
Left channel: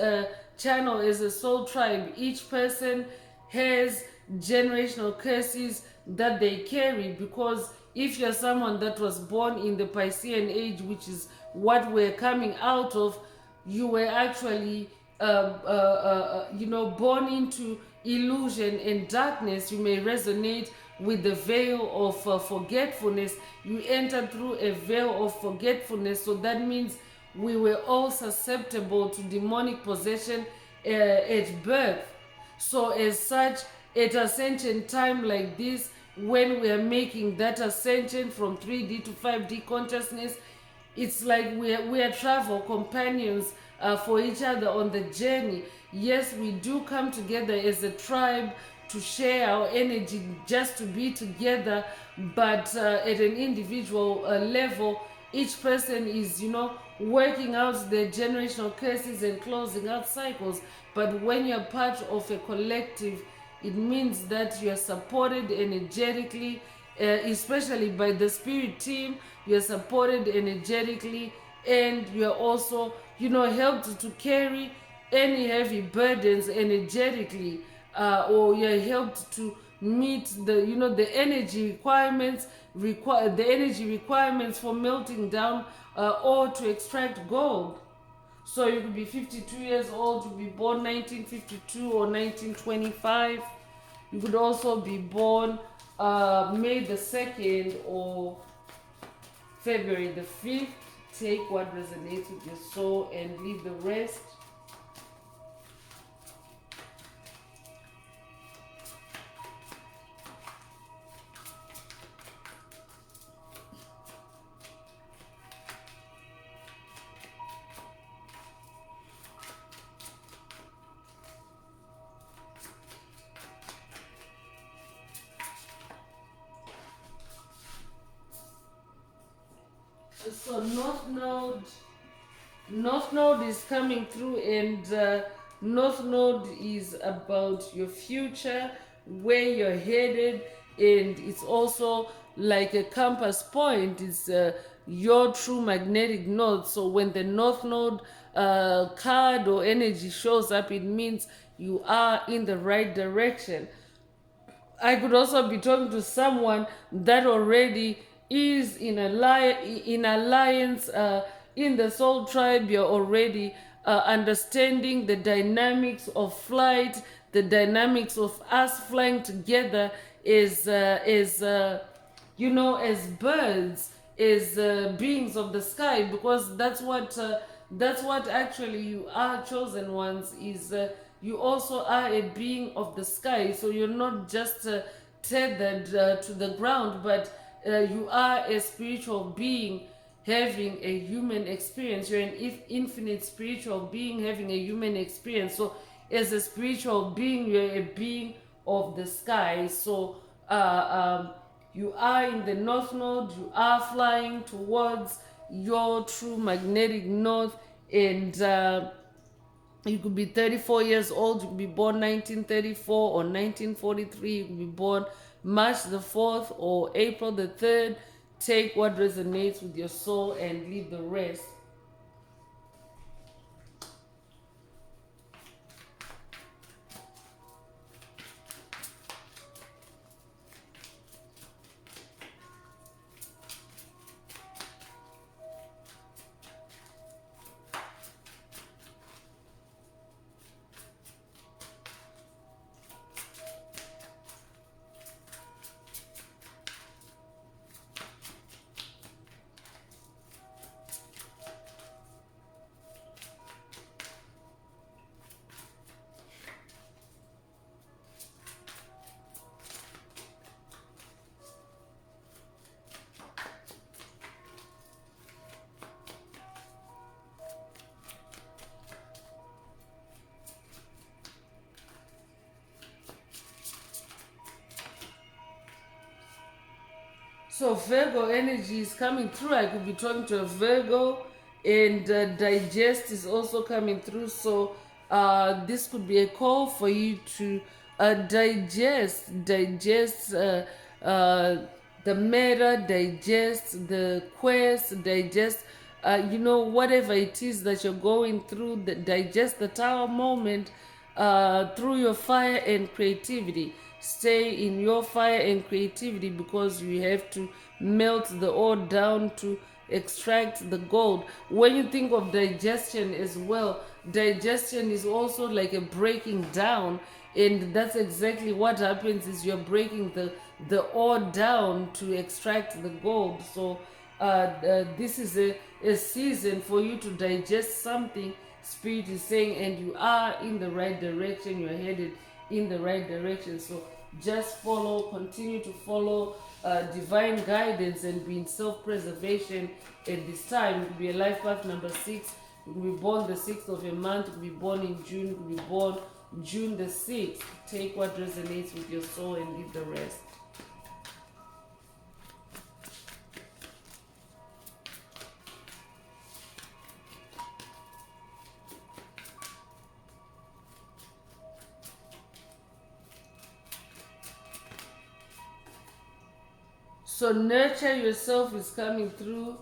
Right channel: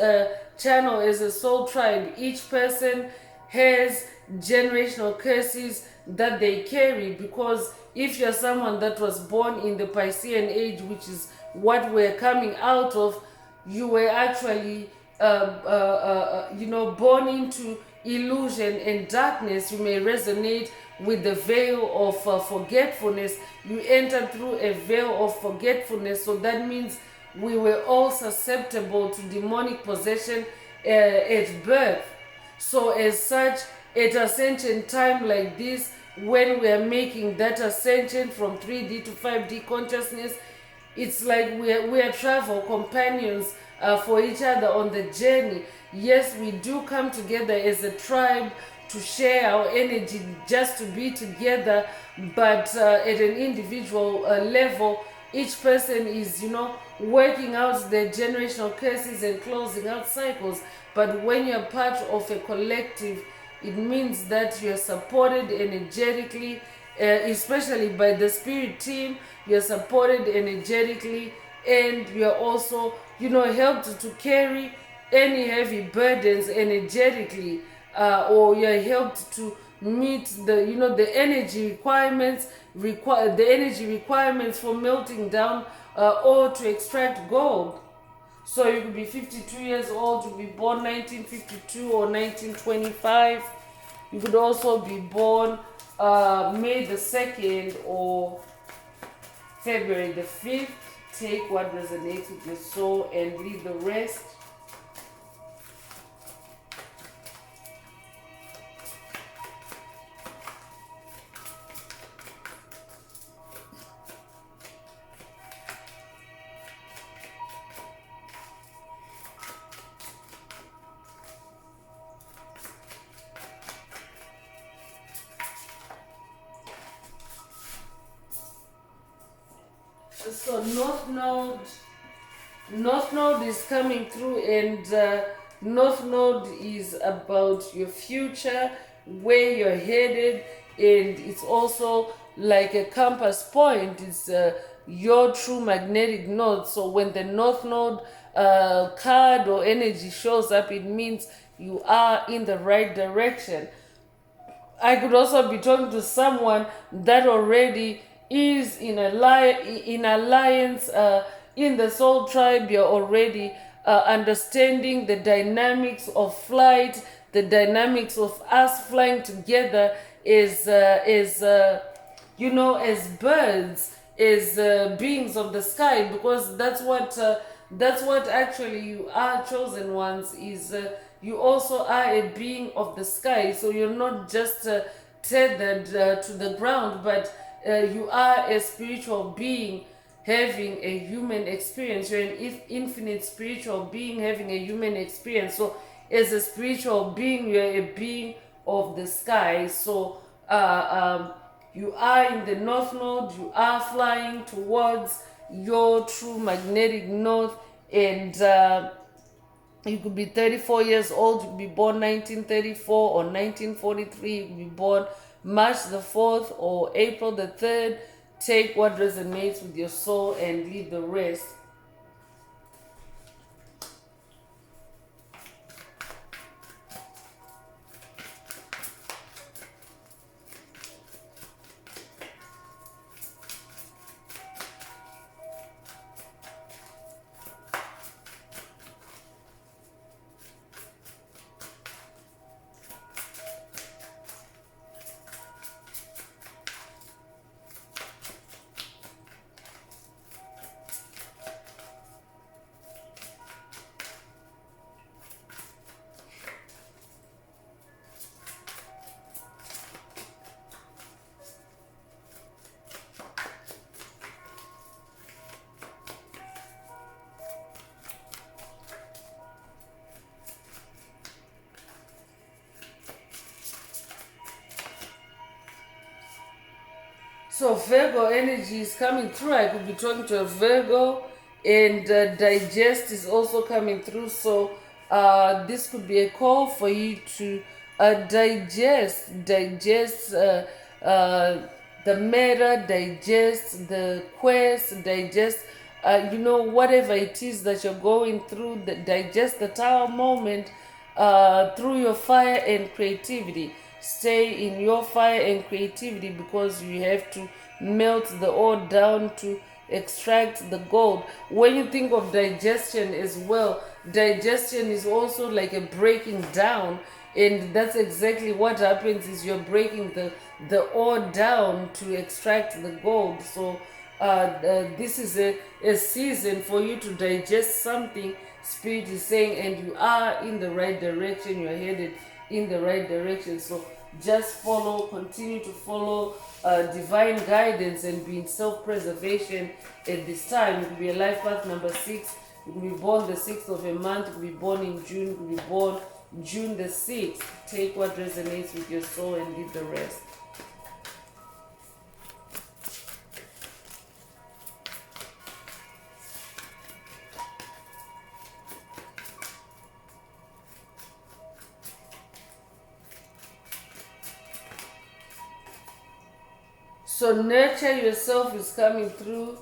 channel as a soul tribe. Each person has generational curses that they carry, because if you're someone that was born in the Piscean age, which is what we're coming out of, you were actually born into illusion and darkness. You may resonate with the veil of forgetfulness. You enter through a veil of forgetfulness. So that means we were all susceptible to demonic possession at birth. So as such, at ascension time like this, when we are making that ascension from 3D to 5D consciousness, it's like we are travel companions for each other on the journey. Yes, we do come together as a tribe to share our energy, just to be together, but at an individual level, each person is, working out their generational curses and closing out cycles. But when you're part of a collective, it means that you're supported energetically, especially by the spirit team. You're supported energetically, and you're also, helped to carry any heavy burdens energetically, or you're helped to meet the energy requirements, for melting down or to extract gold. So you could be 52 years old, to be born 1952 or 1925. You could also be born May the 2nd or February the 5th. Take what resonates with your soul and leave the rest. So North Node is coming through, and North Node is about your future, where you're headed, and it's also like a compass point. It's your true magnetic node. So when the North Node card or energy shows up, it means you are in the right direction. I could also be talking to someone that already is in alliance in the soul tribe. You're already understanding the dynamics of flight, the dynamics of us flying together as birds, as beings of the sky, because that's what actually you are, chosen ones. Is you also are a being of the sky. So you're not just tethered to the ground, but you are a spiritual being having a human experience. You're an infinite spiritual being having a human experience. So as a spiritual being, you're a being of the sky. So you are in the North Node. You are flying towards your true magnetic north, and you could be 34 years old. You could be born 1934 or 1943. You could be born March the 4th or April the 3rd. Take what resonates with your soul and leave the rest. So Virgo energy is coming through. I could be talking to a Virgo, and digest is also coming through. So this could be a call for you to digest the matter, digest the quest, digest whatever it is that you're going through. Digest the Tower moment through your fire and creativity. Stay in your fire and creativity, because you have to melt the ore down to extract the gold. When you think of digestion as well, digestion is also like a breaking down, and that's exactly what happens. Is you're breaking the ore down to extract the gold. So this is a season for you to digest something. Spirit is saying, and you are in the right direction, you're headed in the right direction. So just continue to follow divine guidance and be in self-preservation at this time. You could be a life path number 6. You could be born the 6th of a month. You could be born in June. You could be born June the 6th. Take what resonates with your soul and leave the rest. So nurture yourself is coming through.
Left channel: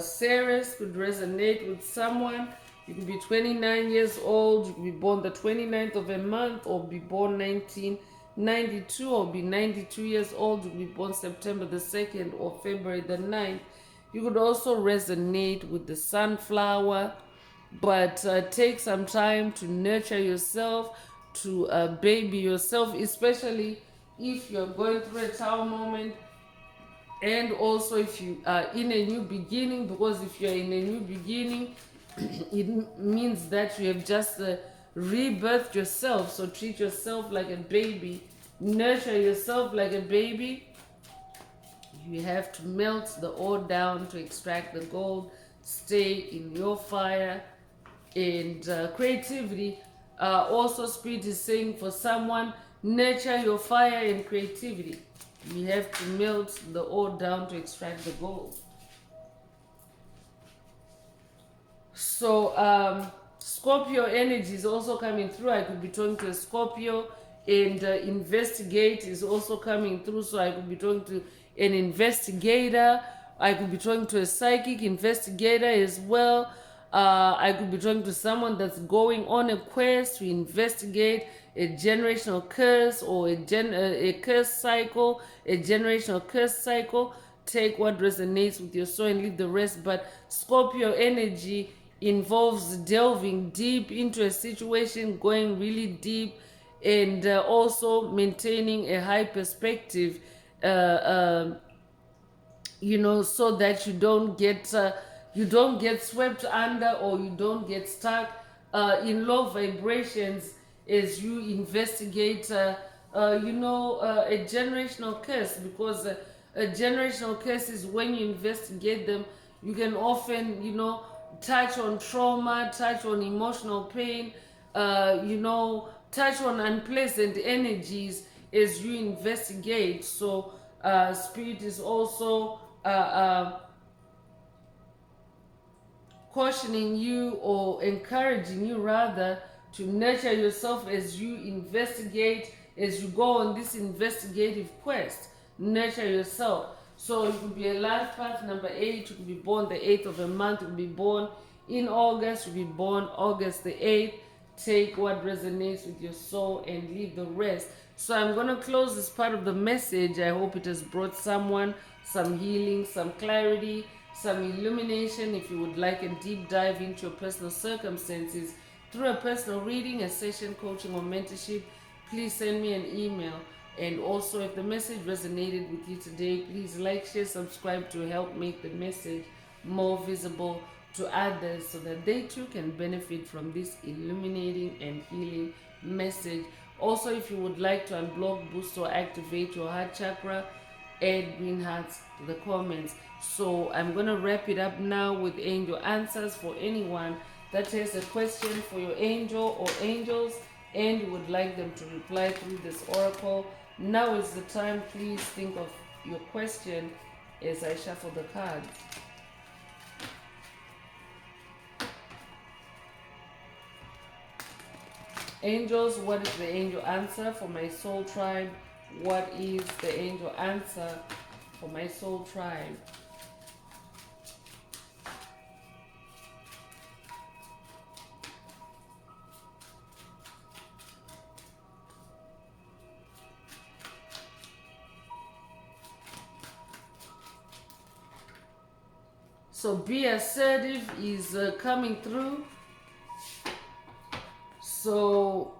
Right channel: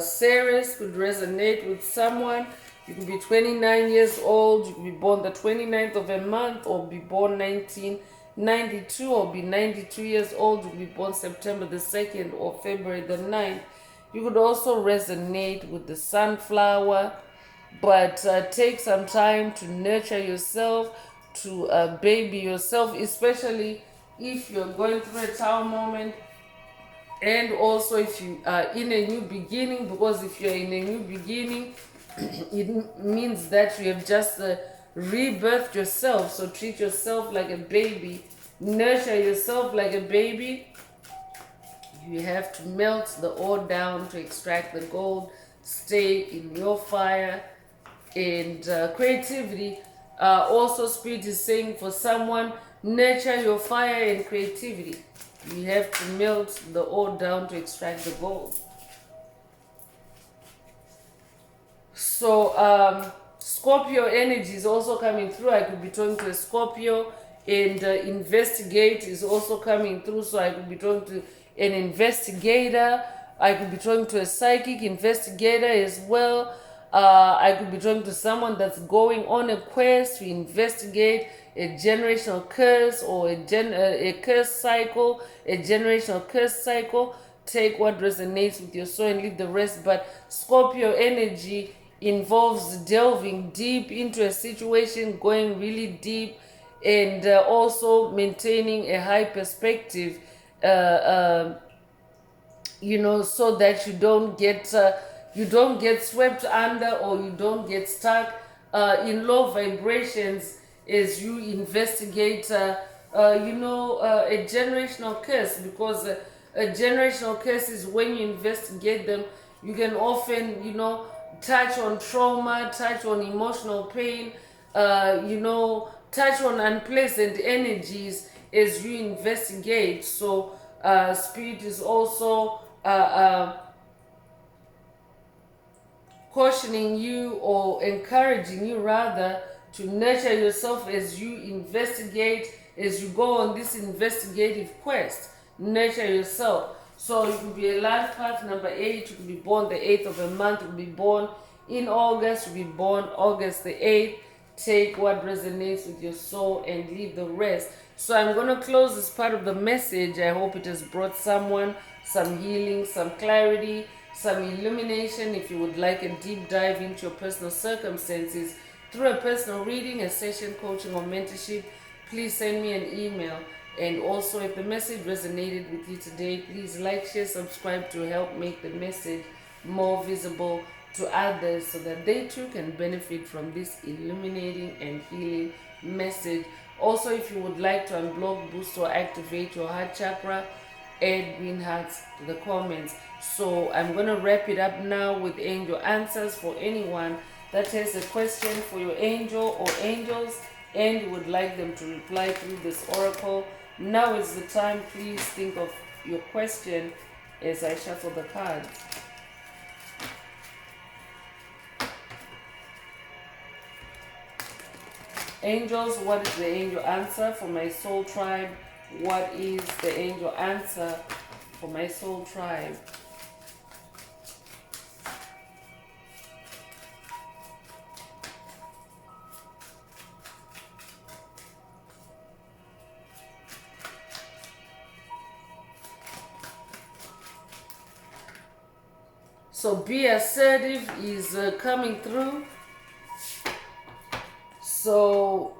Ceres could resonate with someone. You could be 29 years old. You could be born the 29th of a month, or be born 1992, or be 92 years old. You could be born September the 2nd or February the 9th. You could also resonate with the sunflower, but take some time to nurture yourself, to baby yourself, especially if you're going through a tower moment. And also if you are in a new beginning, because if you're in a new beginning, it means that you have just rebirthed yourself. So treat yourself like a baby, nurture yourself like a baby. You have to melt the ore down to extract the gold. Stay in your fire and creativity. Also, Spirit is saying for someone, nurture your fire and creativity. You have to melt the ore down to extract the gold. So Scorpio energy is also coming through. I could be talking to a Scorpio, and investigate is also coming through. So I could be talking to an investigator. I could be talking to a psychic investigator as well. I could be talking to someone that's going on a quest to investigate a generational curse, or a curse cycle, a generational curse cycle. Take what resonates with your soul and leave the rest. But Scorpio energy involves delving deep into a situation, going really deep, and also maintaining a high perspective, so that you don't get swept under, or you don't get stuck in low vibrations as you investigate a generational curse. Because a generational curse is when you investigate them, you can often touch on trauma, touch on emotional pain, touch on unpleasant energies as you investigate. So Spirit is also cautioning you, or encouraging you rather, to nurture yourself as you investigate, as you go on this investigative quest. Nurture yourself. So you could be a life path number 8. You could be born the 8th of a month. You could be born in August. You could be born August the 8th. Take what resonates with your soul and leave the rest. So I'm going to close this part of the message. I hope it has brought someone some healing, some clarity, some illumination. If you would like a deep dive into your personal circumstances through a personal reading, a session, coaching, or mentorship, please send me an email. And also, if the message resonated with you today, please like, share, subscribe to help make the message more visible to others, so that they too can benefit from this illuminating and healing message. Also, if you would like to unblock, boost, or activate your heart chakra, add green hearts to the comments. So I'm going to wrap it up now with angel answers. For anyone that has a question for your angel or angels, and you would like them to reply through this oracle, now is the time. Please think of your question as I shuffle the cards. Angels, what is the angel answer for my soul tribe? What is the angel answer for my soul tribe? So be assertive is coming through. So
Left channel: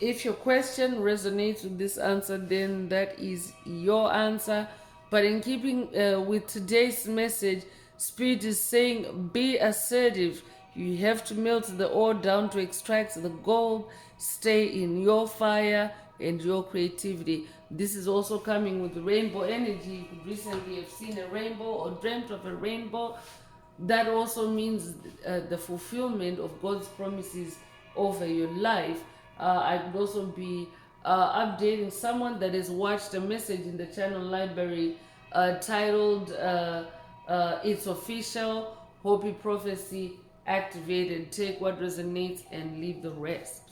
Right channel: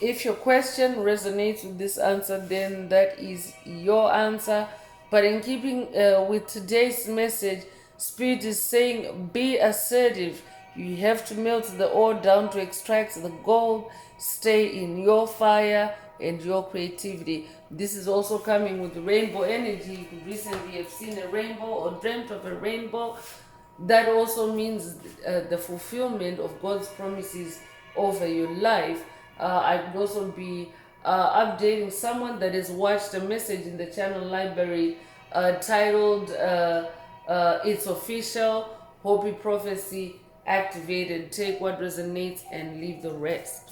if your question resonates with this answer, then that is your answer. But in keeping with today's message, Spirit is saying be assertive. You have to melt the ore down to extract the gold. Stay in your fire and your creativity. This is also coming with rainbow energy. You could recently have seen a rainbow or dreamt of a rainbow. That also means the fulfillment of God's promises over your life. I could also be updating someone that has watched a message in the channel library titled It's Official, Hopi Prophecy Activated. Take what resonates and leave the rest.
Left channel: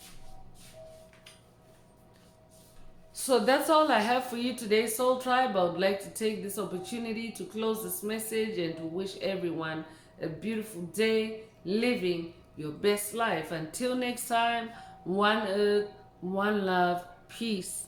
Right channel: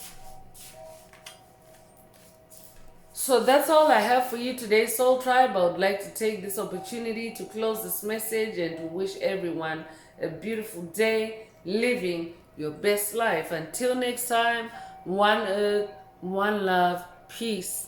So that's all I have for you today, Soul Tribe. I would like to take this opportunity to close this message and to wish everyone a beautiful day, living your best life. Until next time, one earth, one love, peace.